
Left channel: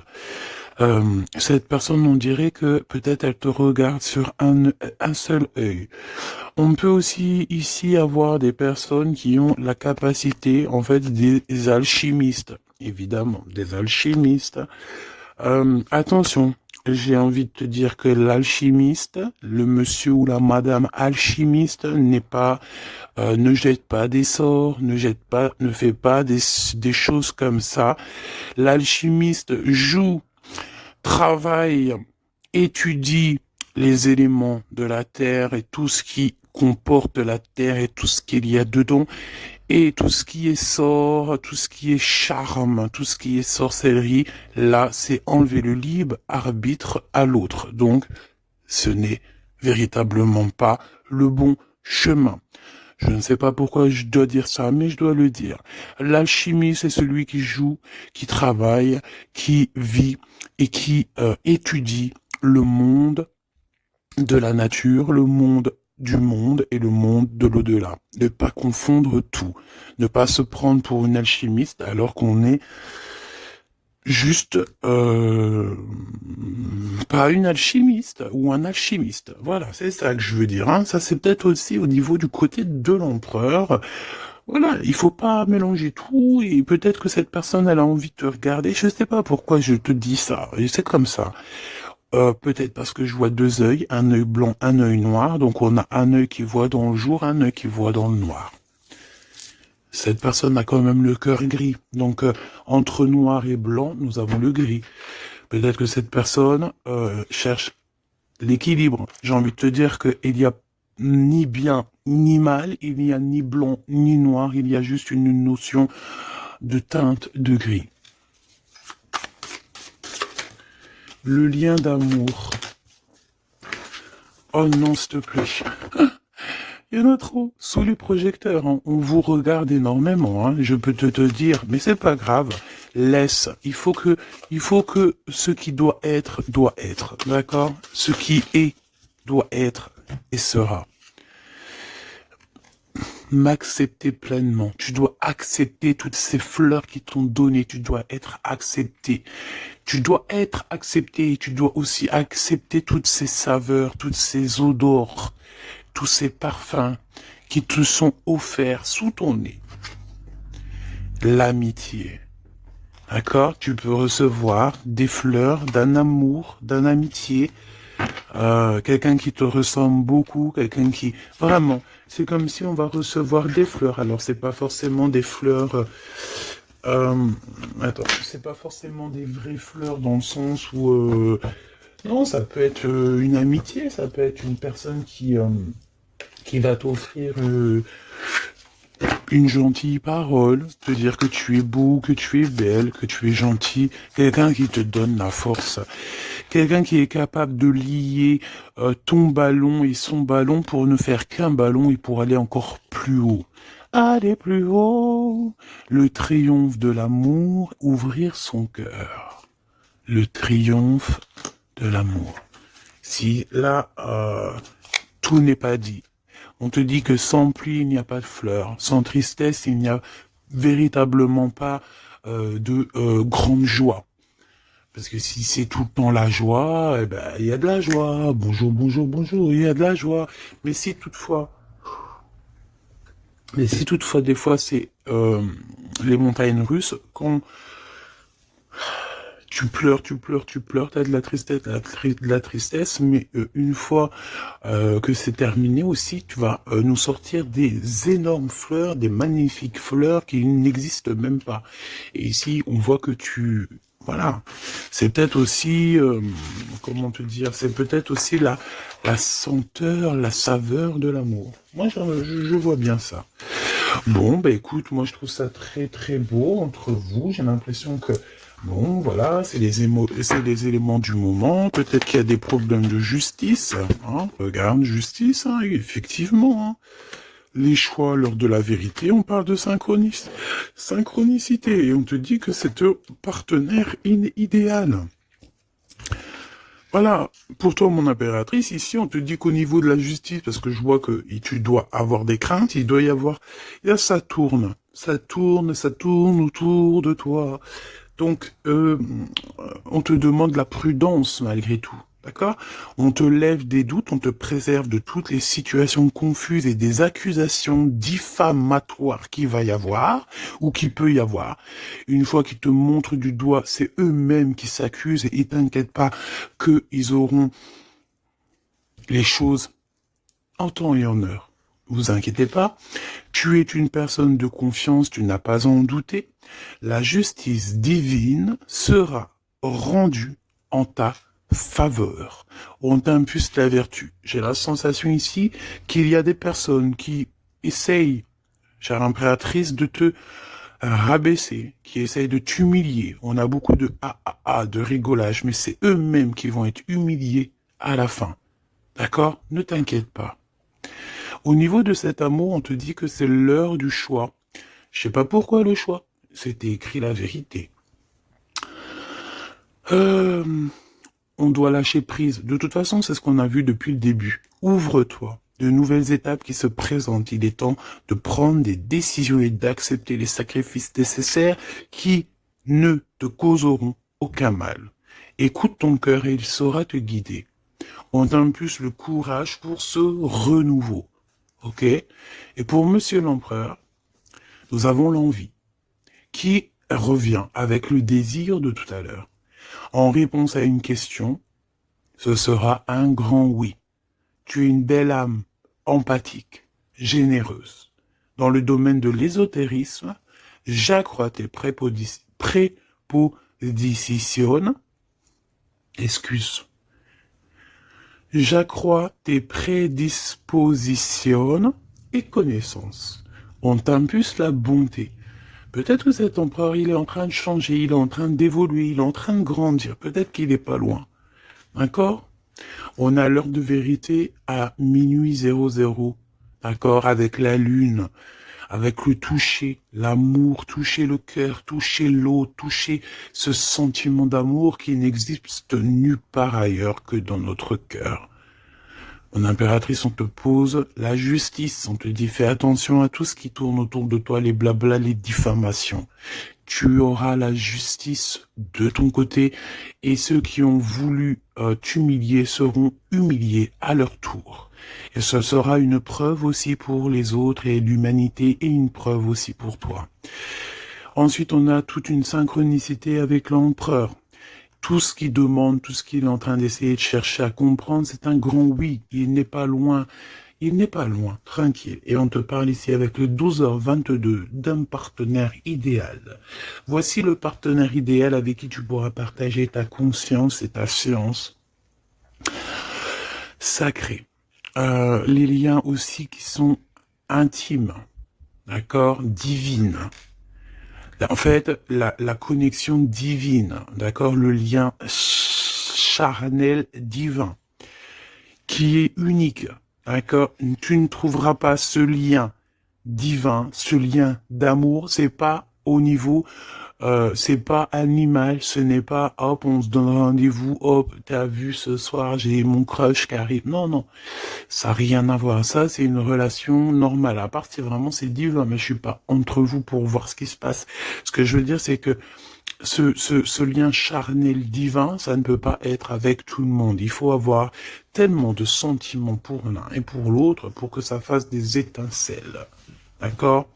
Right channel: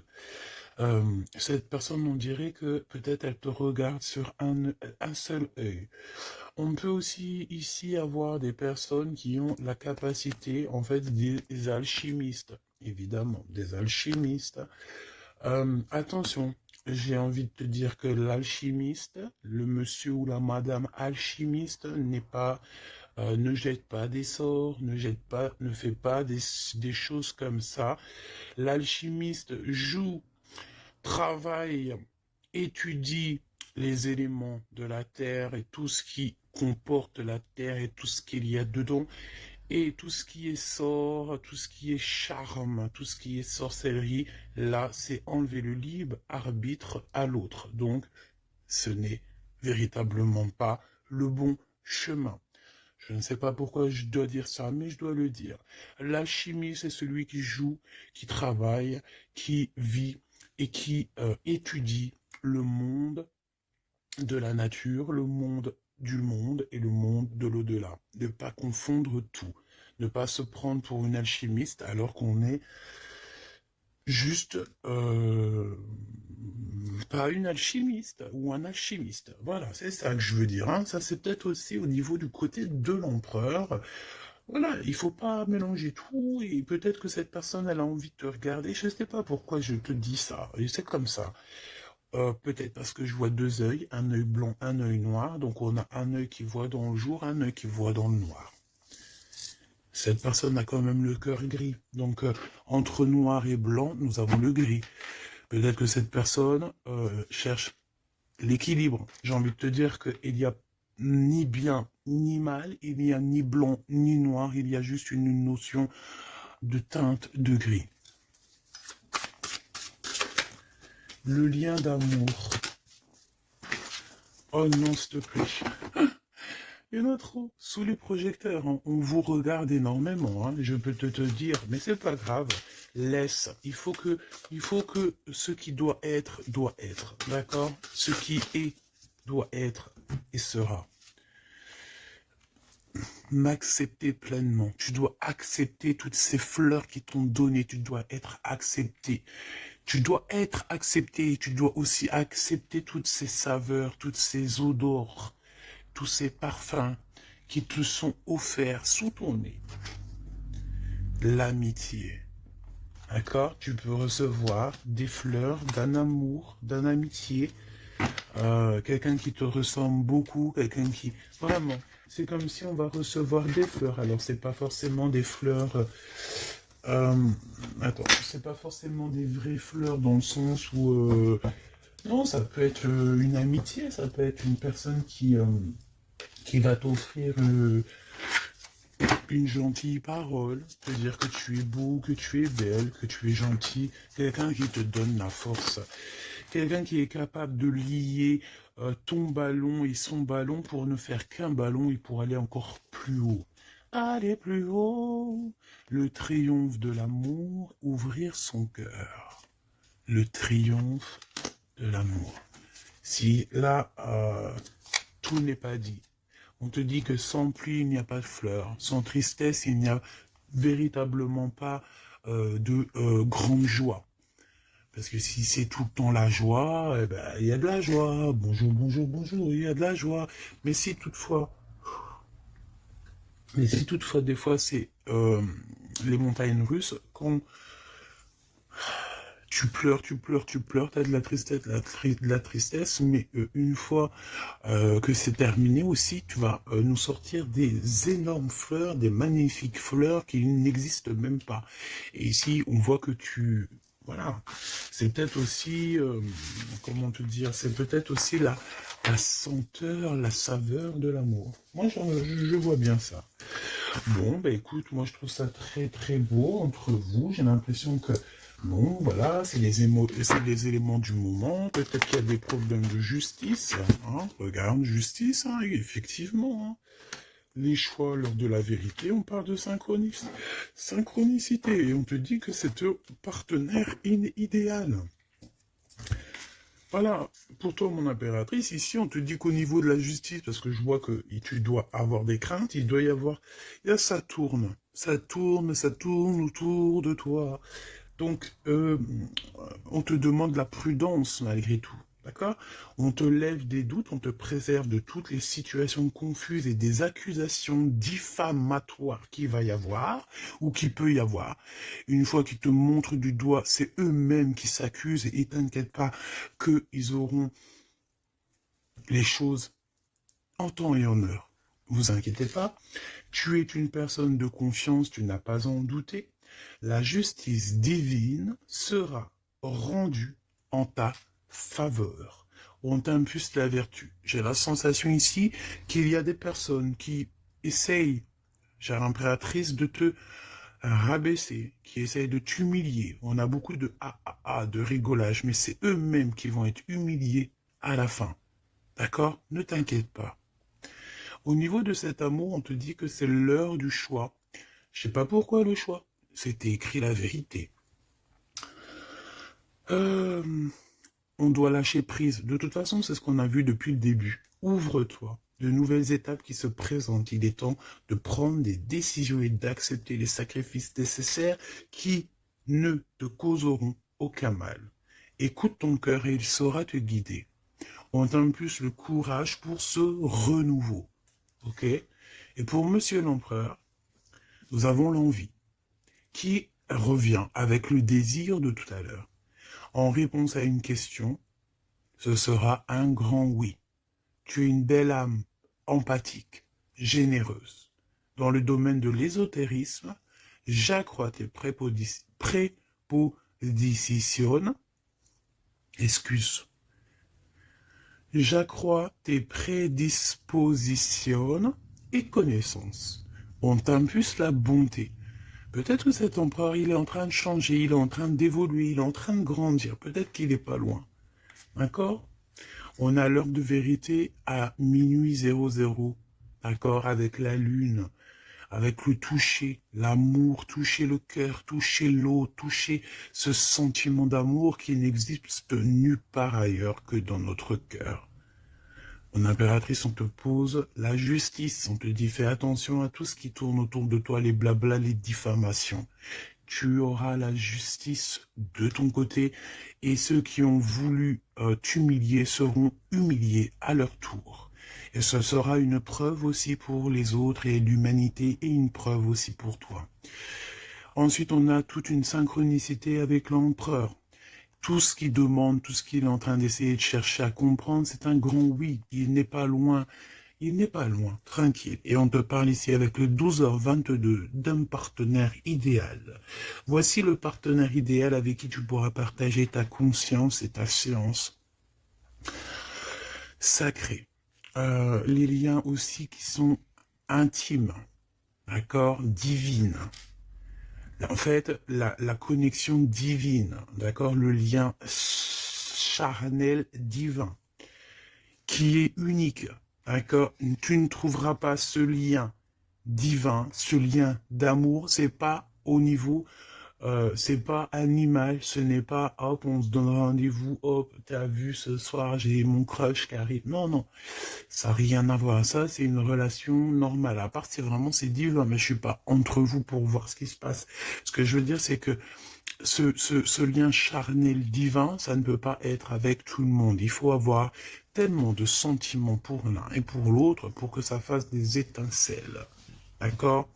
Cette personne, on dirait que peut-être elle te regarde sur un seul œil. On peut aussi ici avoir des personnes qui ont la capacité, en fait, des alchimistes, évidemment, des alchimistes. Attention, j'ai envie de te dire que l'alchimiste, le monsieur ou la madame alchimiste n'est pas, ne jette pas des sorts, ne fait pas des choses comme ça. L'alchimiste joue, travaille, étudie les éléments de la terre et tout ce qui comporte la terre et tout ce qu'il y a dedans et tout ce qui est sort, tout ce qui est charme, tout ce qui est sorcellerie, là, c'est enlever le libre arbitre à l'autre. Donc, ce n'est véritablement pas le bon chemin. Je ne sais pas pourquoi je dois dire ça, mais je dois le dire. L'alchimie, c'est celui qui joue, qui travaille, qui vit et qui étudie le monde de la nature, le monde du monde et le monde de l'au-delà. Ne pas confondre tout. Ne pas se prendre pour une alchimiste alors qu'on est juste pas une alchimiste ou un alchimiste. Voilà, c'est ça que je veux dire. Hein. Ça, c'est peut-être aussi au niveau du côté de l'empereur. Voilà, il faut pas mélanger tout et peut-être que cette personne, elle a envie de te regarder. Je sais pas pourquoi je te dis ça. Et c'est comme ça. Peut-être parce que je vois deux œils, un œil blanc, un œil noir. Donc on a un œil qui voit dans le jour, un œil qui voit dans le noir. Cette personne a quand même le cœur gris. Donc entre noir et blanc, nous avons le gris. Peut-être que cette personne cherche l'équilibre. J'ai envie de te dire qu'il y a ni bien ni mal, il n'y a ni blanc ni noir, il y a juste une notion de teinte de gris. Le lien d'amour. Oh non, s'il te plaît. Il y en a trop. Sous les projecteurs, hein. On vous regarde énormément, hein. Je peux te dire, mais c'est pas grave. Laisse. Il faut que ce qui doit être, d'accord? Ce qui est, doit être et sera. M'accepter pleinement. Tu dois accepter toutes ces fleurs qui t'ont donné. Tu dois être accepté. Tu dois être accepté. Tu dois aussi accepter toutes ces saveurs, toutes ces odeurs, tous ces parfums qui te sont offerts sous ton nez. L'amitié. D'accord? Tu peux recevoir des fleurs d'un amour, d'un amitié, quelqu'un qui te ressemble beaucoup, quelqu'un qui... Vraiment, c'est comme si on va recevoir des fleurs. Alors, c'est pas forcément des fleurs... attends, c'est pas forcément des vraies fleurs dans le sens où... non, ça peut être une amitié, ça peut être une personne qui va t'offrir une gentille parole, te dire que tu es beau, que tu es belle, que tu es gentil, quelqu'un qui te donne la force, quelqu'un qui est capable de lier ton ballon et son ballon pour ne faire qu'un ballon et pour aller encore plus haut. Aller plus haut, le triomphe de l'amour, ouvrir son cœur. Le triomphe de l'amour. Si là, tout n'est pas dit. On te dit que sans pluie, il n'y a pas de fleurs. Sans tristesse, il n'y a véritablement pas de grande joie. Parce que si c'est tout le temps la joie, eh ben, il y a de la joie. Bonjour, bonjour, bonjour, il y a de la joie. Mais si toutefois, des fois, c'est les montagnes russes, quand tu pleures, t'as de la tristesse, mais une fois que c'est terminé aussi, tu vas nous sortir des énormes fleurs, des magnifiques fleurs qui n'existent même pas. Et ici, on voit que voilà, c'est peut-être aussi, comment te dire, c'est peut-être aussi la senteur, la saveur de l'amour. Moi, je vois bien ça. Bon, bah écoute, moi je trouve ça très très beau entre vous. J'ai l'impression que, bon, voilà, c'est les éléments du moment. Peut-être qu'il y a des problèmes de justice. Hein. Regarde, justice, hein, effectivement. Hein. Les choix lors de la vérité, on parle de synchronicité. Et on te dit que c'est ton partenaire idéal. Voilà, pour toi, mon impératrice, ici, on te dit qu'au niveau de la justice, parce que je vois que tu dois avoir des craintes, il doit y avoir... Là, ça tourne autour de toi. Donc, on te demande la prudence, malgré tout. D'accord? On te lève des doutes, on te préserve de toutes les situations confuses et des accusations diffamatoires qu'il va y avoir, ou qu'il peut y avoir. Une fois qu'ils te montrent du doigt, c'est eux-mêmes qui s'accusent, et t'inquiète pas qu'ils auront les choses en temps et en heure. Vous inquiétez pas, tu es une personne de confiance, tu n'as pas à en douter. La justice divine sera rendue en ta faveur. On t'impulse la vertu. J'ai la sensation ici qu'il y a des personnes qui essayent, chère impératrice, de te rabaisser, qui essayent de t'humilier. On a beaucoup de de rigolage, mais c'est eux-mêmes qui vont être humiliés à la fin. D'accord? Ne t'inquiète pas. Au niveau de cet amour, on te dit que c'est l'heure du choix. Je sais pas pourquoi le choix. C'était écrit la vérité. On doit lâcher prise. De toute façon, c'est ce qu'on a vu depuis le début. Ouvre-toi. De nouvelles étapes qui se présentent. Il est temps de prendre des décisions et d'accepter les sacrifices nécessaires qui ne te causeront aucun mal. Écoute ton cœur et il saura te guider. On t'impulse le courage pour ce renouveau. Ok? Et pour Monsieur l'Empereur, nous avons l'envie qui revient avec le désir de tout à l'heure. En réponse à une question, ce sera un grand oui. Tu es une belle âme, empathique, généreuse. Dans le domaine de l'ésotérisme, j'accrois tes prépositions. Excuse. J'accrois tes prédispositions et connaissances. On t'impulse la bonté. Peut-être que cet empereur, il est en train de changer, il est en train d'évoluer, il est en train de grandir. Peut-être qu'il n'est pas loin. D'accord? On a l'heure de vérité à minuit 00. D'accord? Avec la lune, avec le toucher, l'amour, toucher le cœur, toucher l'eau, toucher ce sentiment d'amour qui n'existe nulle part ailleurs que dans notre cœur. Mon impératrice, on te pose la justice, on te dit fais attention à tout ce qui tourne autour de toi, les blabla, les diffamations. Tu auras la justice de ton côté et ceux qui ont voulu t'humilier seront humiliés à leur tour. Et ce sera une preuve aussi pour les autres et l'humanité et une preuve aussi pour toi. Ensuite, on a toute une synchronicité avec l'empereur. Tout ce qu'il demande, tout ce qu'il est en train d'essayer de chercher à comprendre, c'est un grand oui. Il n'est pas loin. Il n'est pas loin, tranquille. Et on te parle ici avec le 12h22 d'un partenaire idéal. Voici le partenaire idéal avec qui tu pourras partager ta conscience et ta science sacrée. Les liens aussi qui sont intimes, d'accord, divines. En fait, la connexion divine, d'accord, le lien charnel divin, qui est unique, d'accord. Tu ne trouveras pas ce lien divin, ce lien d'amour, c'est pas au niveau, c'est pas animal, ce n'est pas hop, on se donne rendez-vous, hop, t'as vu ce soir, j'ai mon crush qui arrive. Non, non, ça n'a rien à voir. Ça, c'est une relation normale. À part si vraiment c'est divin, mais je suis pas entre vous pour voir ce qui se passe. Ce que je veux dire, c'est que ce lien charnel divin, ça ne peut pas être avec tout le monde. Il faut avoir tellement de sentiments pour l'un et pour l'autre pour que ça fasse des étincelles. D'accord?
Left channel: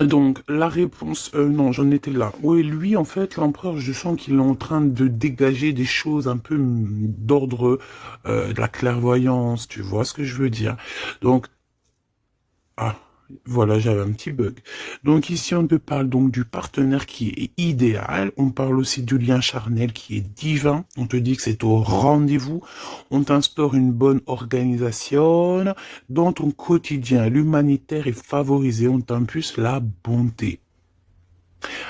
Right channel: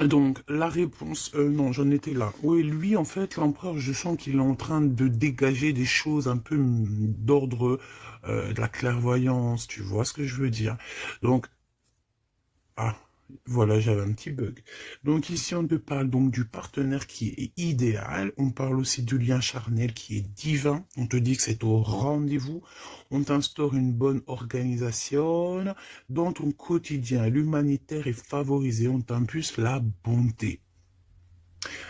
Donc, la réponse, non, j'en étais là. Oui, lui, en fait, l'empereur, je sens qu'il est en train de dégager des choses un peu d'ordre de la clairvoyance, tu vois ce que je veux dire. Donc, ah, voilà, j'avais un petit bug. Donc ici, on te parle donc du partenaire qui est idéal. On parle aussi du lien charnel qui est divin. On te dit que c'est au rendez-vous. On t'instaure une bonne organisation. Dans ton quotidien, l'humanitaire est favorisé. On t'impulse la bonté.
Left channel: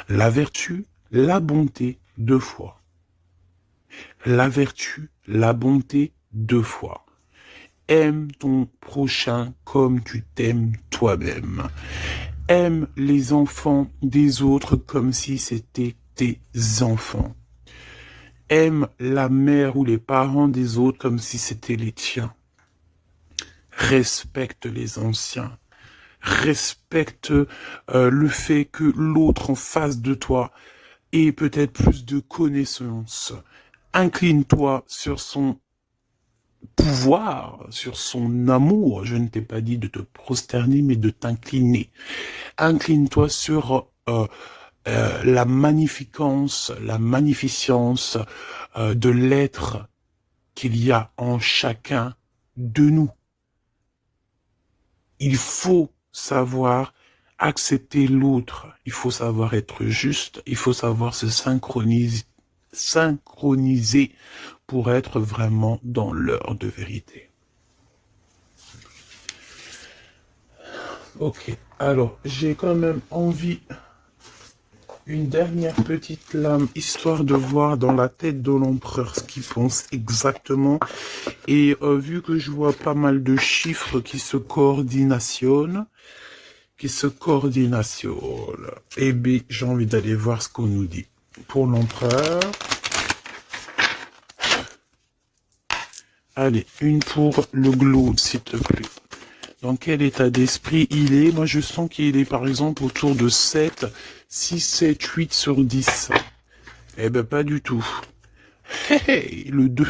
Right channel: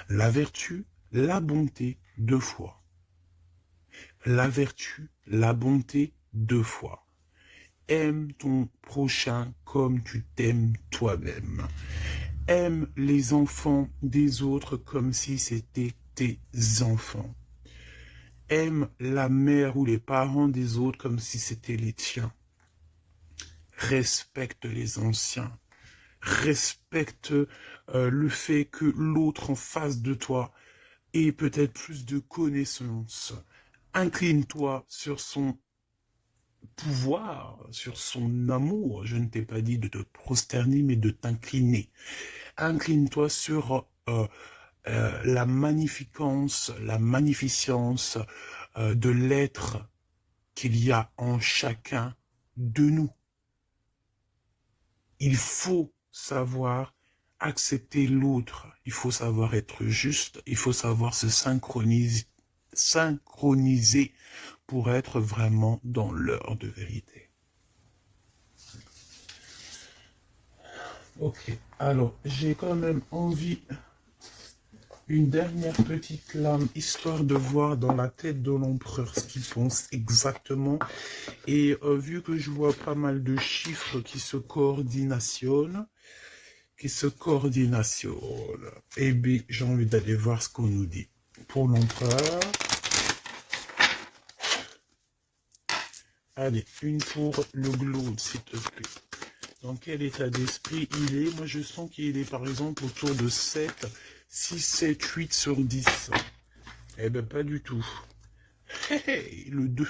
La vertu, la bonté, 2 fois. La vertu, la bonté, 2 fois. Aime ton prochain comme tu t'aimes toi-même. Aime les enfants des autres comme si c'était tes enfants. Aime la mère ou les parents des autres comme si c'était les tiens. Respecte les anciens. Respecte le fait que l'autre en face de toi ait peut-être plus de connaissances. Incline-toi sur son pouvoir, sur son amour. Je ne t'ai pas dit de te prosterner, mais de t'incliner. Incline-toi sur la magnificence, la magnificence de l'être qu'il y a en chacun de nous. Il faut savoir accepter l'autre. Il faut savoir être juste. Il faut savoir se synchroniser pour être vraiment dans l'heure de vérité. Ok, alors j'ai quand même envie, une dernière petite lame, histoire de voir dans la tête de l'empereur ce qu'il pense exactement. Et vu que je vois pas mal de chiffres qui se coordinationnent, eh bien j'ai envie d'aller voir ce qu'on nous dit. Pour l'empereur, allez, une pour le globe, s'il te plaît. Dans quel état d'esprit il est? Moi, je sens qu'il est, par exemple, autour de 7, 6, 7, 8 sur 10. Eh ben, pas du tout. Hey, le 2.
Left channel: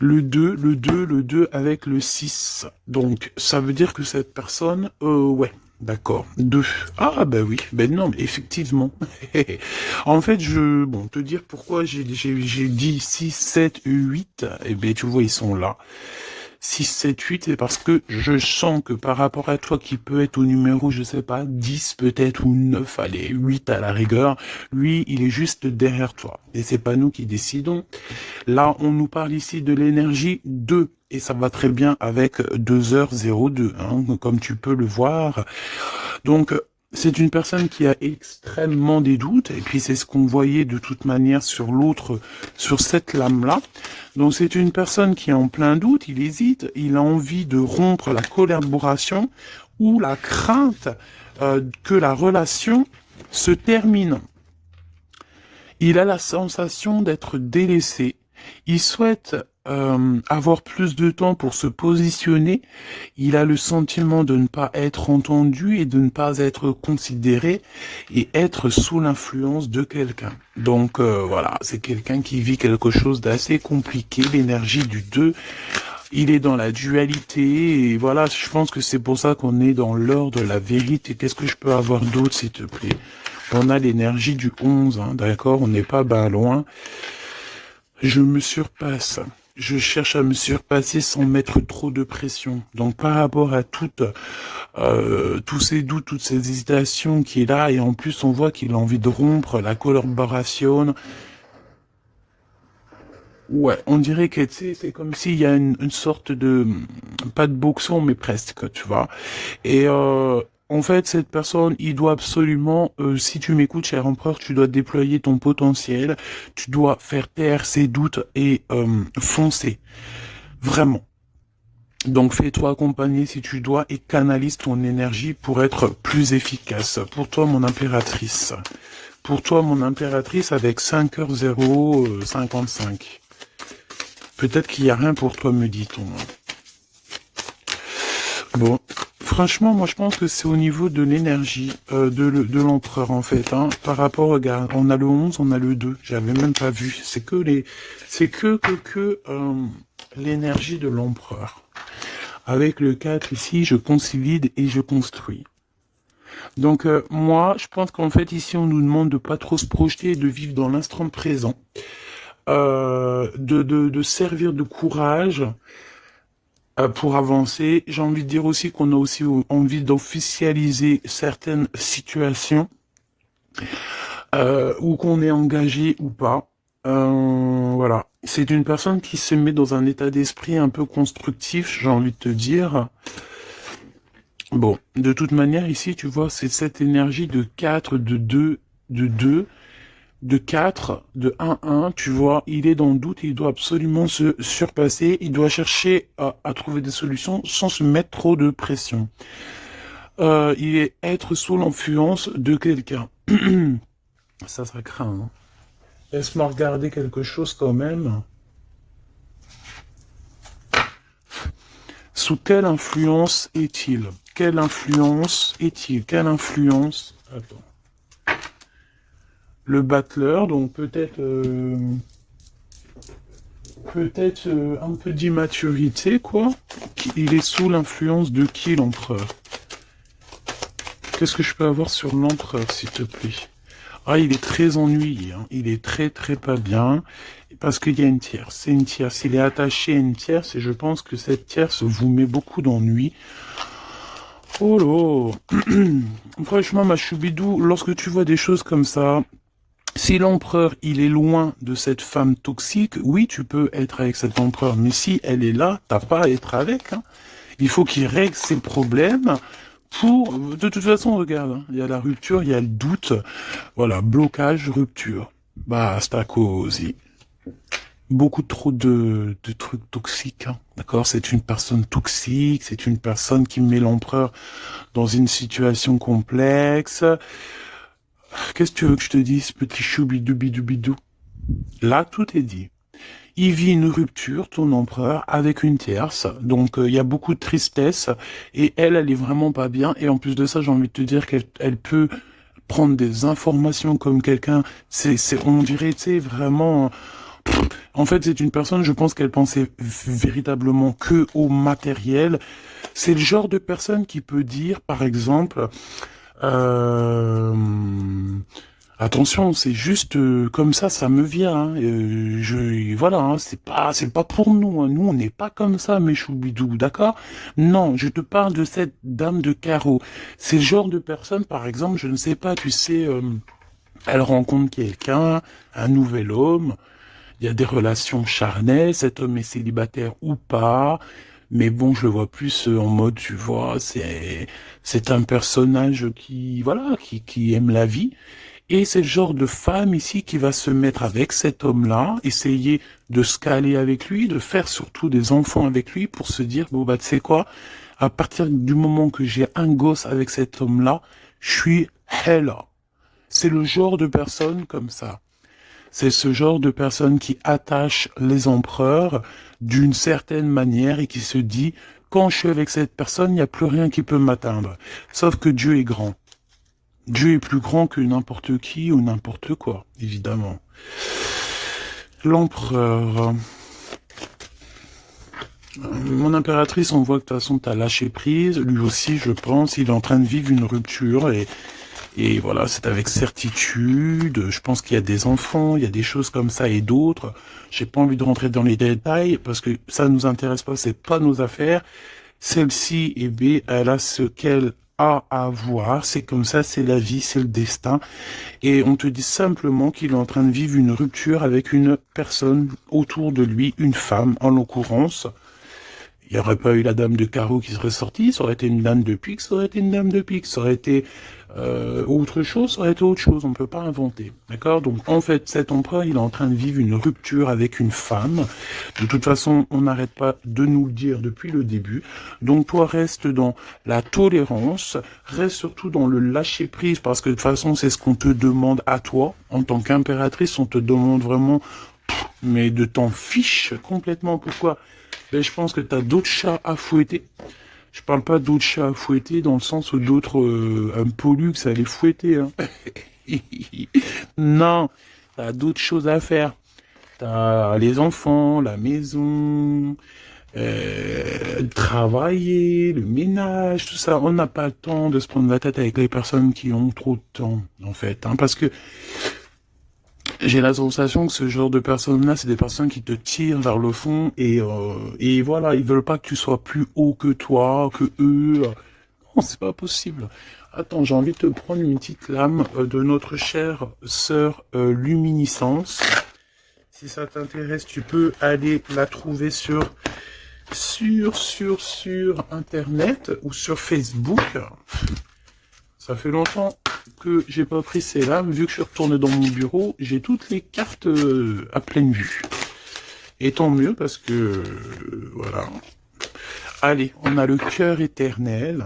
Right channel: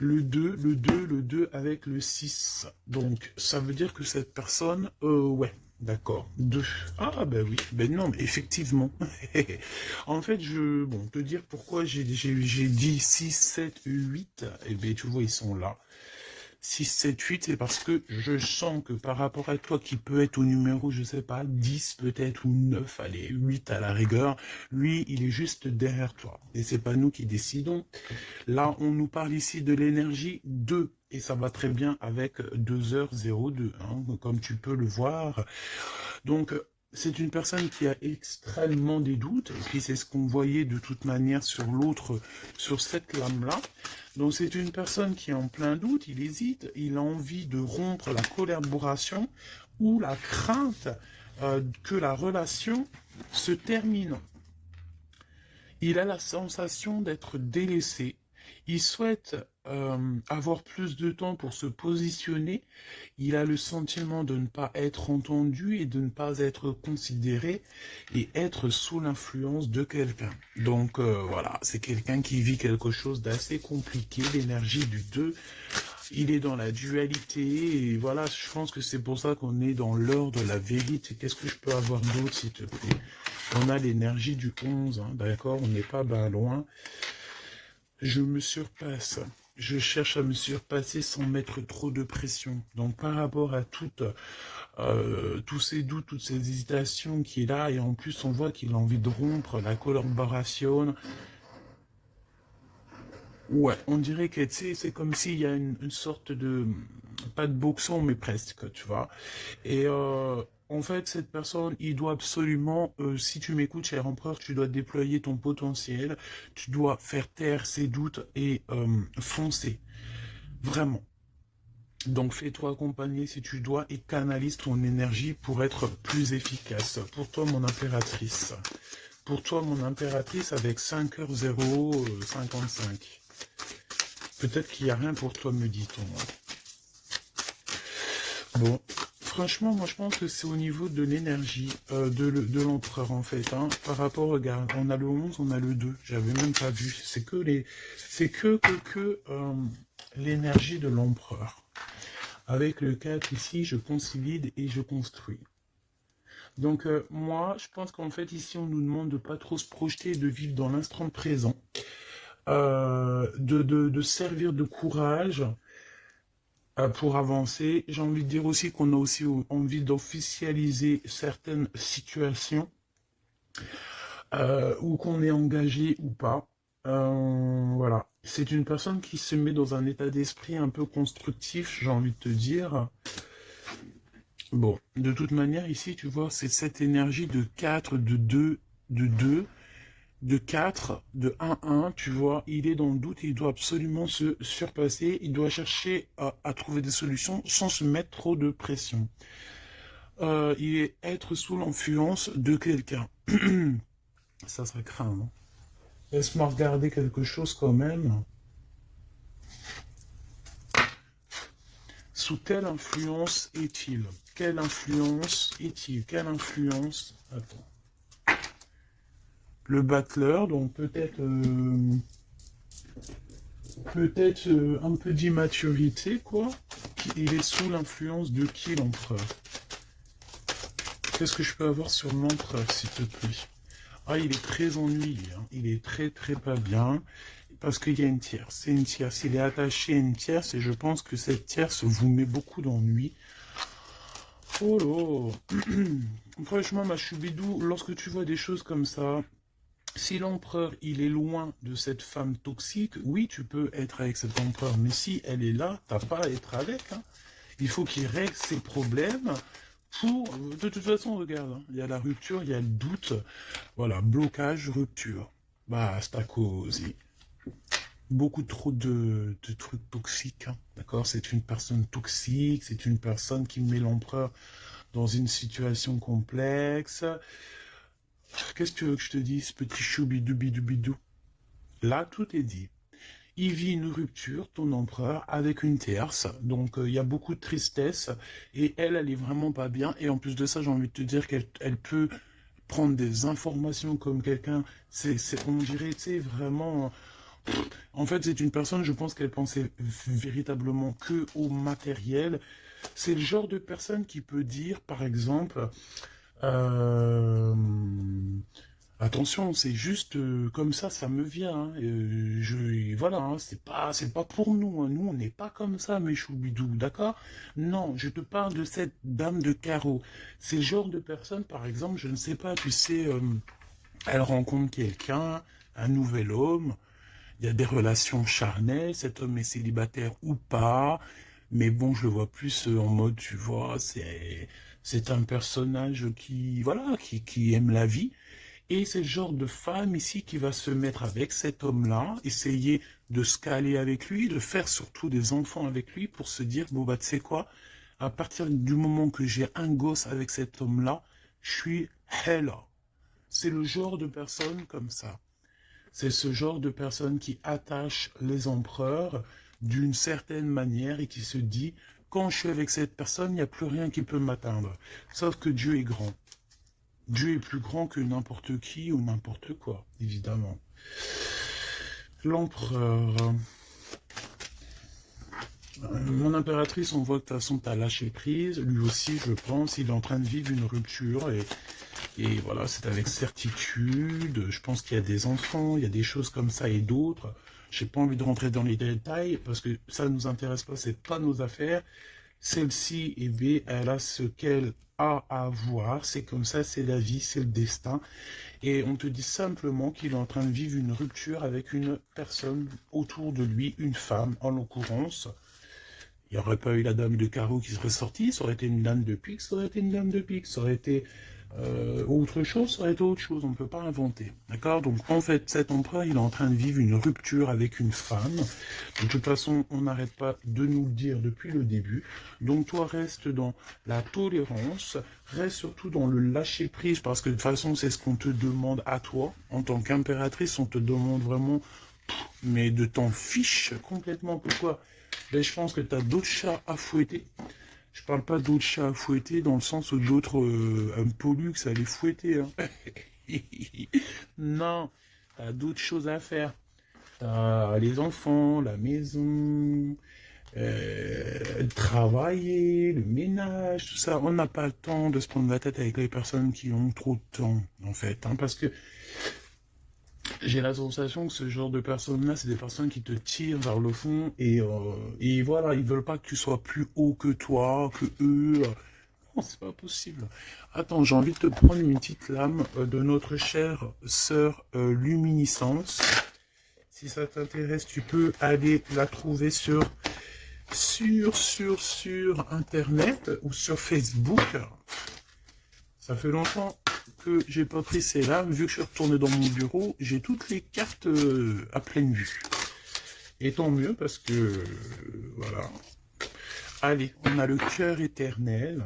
Le 2 avec le 6. Donc, ça veut dire que cette personne, ouais, d'accord, 2. Ah, ben oui, ben non, mais effectivement. En fait, bon, te dire pourquoi j'ai dit 6, 7, 8, eh ben, tu vois, ils sont là. 6, 7, 8, c'est parce que je sens que par rapport à toi qui peut être au numéro, je sais pas, 10 peut-être ou 9, allez, 8 à la rigueur, lui, il est juste derrière toi. Et c'est pas nous qui décidons. Là, on nous parle ici de l'énergie 2. Et ça va très bien avec 2h02, hein, comme tu peux le voir. Donc, c'est une personne qui a extrêmement des doutes, et puis c'est ce qu'on voyait de toute manière sur l'autre, sur cette lame-là. Donc, c'est une personne qui est en plein doute, il hésite, il a envie de rompre la collaboration ou la crainte que la relation se termine. Il a la sensation d'être délaissé. Il souhaite avoir plus de temps pour se positionner. Il a le sentiment de ne pas être entendu et de ne pas être considéré et être sous l'influence de quelqu'un. Donc voilà, c'est quelqu'un qui vit quelque chose d'assez compliqué, l'énergie du 2. Il est dans la dualité et voilà, je pense que c'est pour ça qu'on est dans l'heure de la vérité. Qu'est-ce que je peux avoir d'autre, s'il te plaît? On a l'énergie du 11, hein, d'accord? On n'est pas ben loin. Je me surpasse. Je cherche à me surpasser sans mettre trop de pression. Donc par rapport à tous ces doutes, toutes ces hésitations qui est là, et en plus on voit qu'il a envie de rompre la collaboration. Ouais, on dirait que c'est comme s'il y a une sorte de, pas de boxon, mais presque, tu vois. Et en fait, cette personne, il doit absolument, si tu m'écoutes, cher empereur, tu dois déployer ton potentiel, tu dois faire taire ses doutes et foncer, vraiment. Donc fais-toi accompagner si tu dois et canalise ton énergie pour être plus efficace. Pour toi, mon impératrice. Pour toi, mon impératrice, avec 5h055. Peut-être qu'il n'y a rien pour toi, me dit-on. Bon, franchement, moi je pense que c'est au niveau de l'énergie de l'empereur en fait. Hein. Par rapport, regarde, on a le 11, on a le 2. J'avais même pas vu. C'est que l'énergie de l'empereur. Avec le 4 ici, je consolide et je construis. Donc moi, je pense qu'en fait ici, on nous demande de pas trop se projeter et de vivre dans l'instant présent. De servir de courage pour avancer. J'ai envie de dire aussi qu'on a aussi envie d'officialiser certaines situations ou qu'on est engagé ou pas. Voilà. C'est une personne qui se met dans un état d'esprit un peu constructif, j'ai envie de te dire. Bon, de toute manière, ici, tu vois, c'est cette énergie de 4, de 2, de 4, de 1, tu vois, il est dans le doute, il doit absolument se surpasser, il doit chercher à trouver des solutions sans se mettre trop de pression. Il est être sous l'influence de quelqu'un. Ça craint. Hein. Laisse-moi regarder quelque chose quand même. Sous quelle influence est-il? Quelle influence est-il? Quelle influence? Attends. Le battleur, donc peut-être un peu d'immaturité, quoi. Il est sous l'influence de qui, l'empereur? Qu'est-ce que je peux avoir sur l'empereur, s'il te plaît? Ah, il est très ennuyé, hein. Il est très très pas bien, parce qu'il y a une tierce. C'est une tierce. Il est attaché à une tierce, et je pense que cette tierce vous met beaucoup d'ennui. Oh là. Franchement, ma choubidou, lorsque tu vois des choses comme ça, si l'empereur, il est loin de cette femme toxique, oui, tu peux être avec cet empereur, mais si elle est là, t'as pas à être avec. Hein. Il faut qu'il règle ses problèmes pour... De toute façon, regarde, hein, il y a la rupture, il y a le doute. Voilà, blocage, rupture. Basta così. Beaucoup trop de trucs toxiques, hein, d'accord? C'est une personne toxique, c'est une personne qui met l'empereur dans une situation complexe. Qu'est-ce que tu veux que je te dise, petit choubidou-bidou-bidou? Là, tout est dit. Il vit une rupture, ton empereur, avec une tierce. Donc, il y a beaucoup de tristesse. Et elle est vraiment pas bien. Et en plus de ça, j'ai envie de te dire qu'elle peut prendre des informations comme quelqu'un. On dirait, tu sais, vraiment... En fait, c'est une personne, je pense qu'elle pensait véritablement que au matériel. C'est le genre de personne qui peut dire, par exemple... Attention, c'est juste comme ça me vient. Hein. Voilà, hein, c'est pas pour nous. Hein. Nous, on n'est pas comme ça, mes choubidous, d'accord? Non, je te parle de cette dame de carreau. C'est le genre de personne, par exemple, je ne sais pas, tu sais, elle rencontre quelqu'un, un nouvel homme. Il y a des relations charnelles. Cet homme est célibataire ou pas. Mais bon, je le vois plus en mode, tu vois, c'est un personnage qui, voilà, qui aime la vie. Et c'est le genre de femme ici qui va se mettre avec cet homme-là, essayer de se caler avec lui, de faire surtout des enfants avec lui pour se dire, bon bah tu sais quoi, à partir du moment que j'ai un gosse avec cet homme-là, je suis hella. C'est le genre de personne comme ça. C'est ce genre de personne qui attache les empereurs d'une certaine manière et qui se dit, quand je suis avec cette personne, il n'y a plus rien qui peut m'atteindre. Sauf que Dieu est grand. Dieu est plus grand que n'importe qui ou n'importe quoi, évidemment. L'empereur. Mon impératrice, on voit que de toute façon, tu as lâché prise. Lui aussi, je pense, il est en train de vivre une rupture. Et voilà, c'est avec certitude. Je pense qu'il y a des enfants, il y a des choses comme ça et d'autres. J'ai pas envie de rentrer dans les détails parce que ça nous intéresse pas, c'est pas nos affaires. Celle-ci, eh bien, elle a ce qu'elle a à voir. C'est comme ça, c'est la vie, c'est le destin. Et on te dit simplement qu'il est en train de vivre une rupture avec une personne autour de lui, une femme en l'occurrence. Il n'y aurait pas eu la dame de carreau qui serait sortie, ça aurait été une dame de pique, ça aurait été une dame de pique, ça aurait été autre chose, ça aurait été autre chose, on ne peut pas inventer. D'accord? Donc en fait, cet empereur, il est en train de vivre une rupture avec une femme. De toute façon, on n'arrête pas de nous le dire depuis le début. Donc toi, reste dans la tolérance, reste surtout dans le lâcher-prise, parce que de toute façon, c'est ce qu'on te demande à toi. En tant qu'impératrice, on te demande vraiment, mais de t'en fiche complètement. Pourquoi? Ben, je pense que tu as d'autres chats à fouetter. Je parle pas d'autres chats à fouetter dans le sens où d'autres un pollux à les fouetter. Hein. Non, t'as d'autres choses à faire. T'as les enfants, la maison, travailler, le ménage, tout ça. On n'a pas le temps de se prendre la tête avec les personnes qui ont trop de temps, en fait. Hein, parce que j'ai la sensation que ce genre de personnes-là, c'est des personnes qui te tirent vers le fond et voilà, ils veulent pas que tu sois plus haut que toi, que eux. Non, c'est pas possible. Attends, j'ai envie de te prendre une petite lame de notre chère sœur Luminiscence. Si ça t'intéresse, tu peux aller la trouver sur Internet ou sur Facebook. Ça fait longtemps que j'ai pas pris ces lames. Vu que je suis retourné dans mon bureau, j'ai toutes les cartes à pleine vue. Et tant mieux parce que, voilà. Allez, on a le cœur éternel.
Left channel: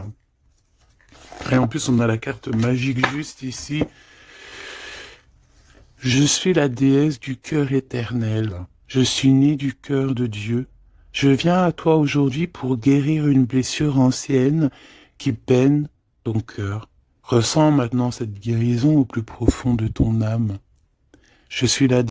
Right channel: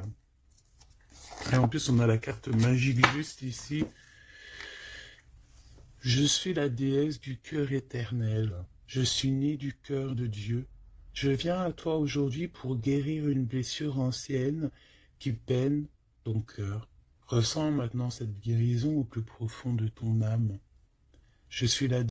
Et en plus, on a la carte magique juste ici. Je suis la déesse du cœur éternel. Je suis née du cœur de Dieu. Je viens à toi aujourd'hui pour guérir une blessure ancienne qui peine ton cœur. Ressens maintenant cette guérison au plus profond de ton âme. Je suis la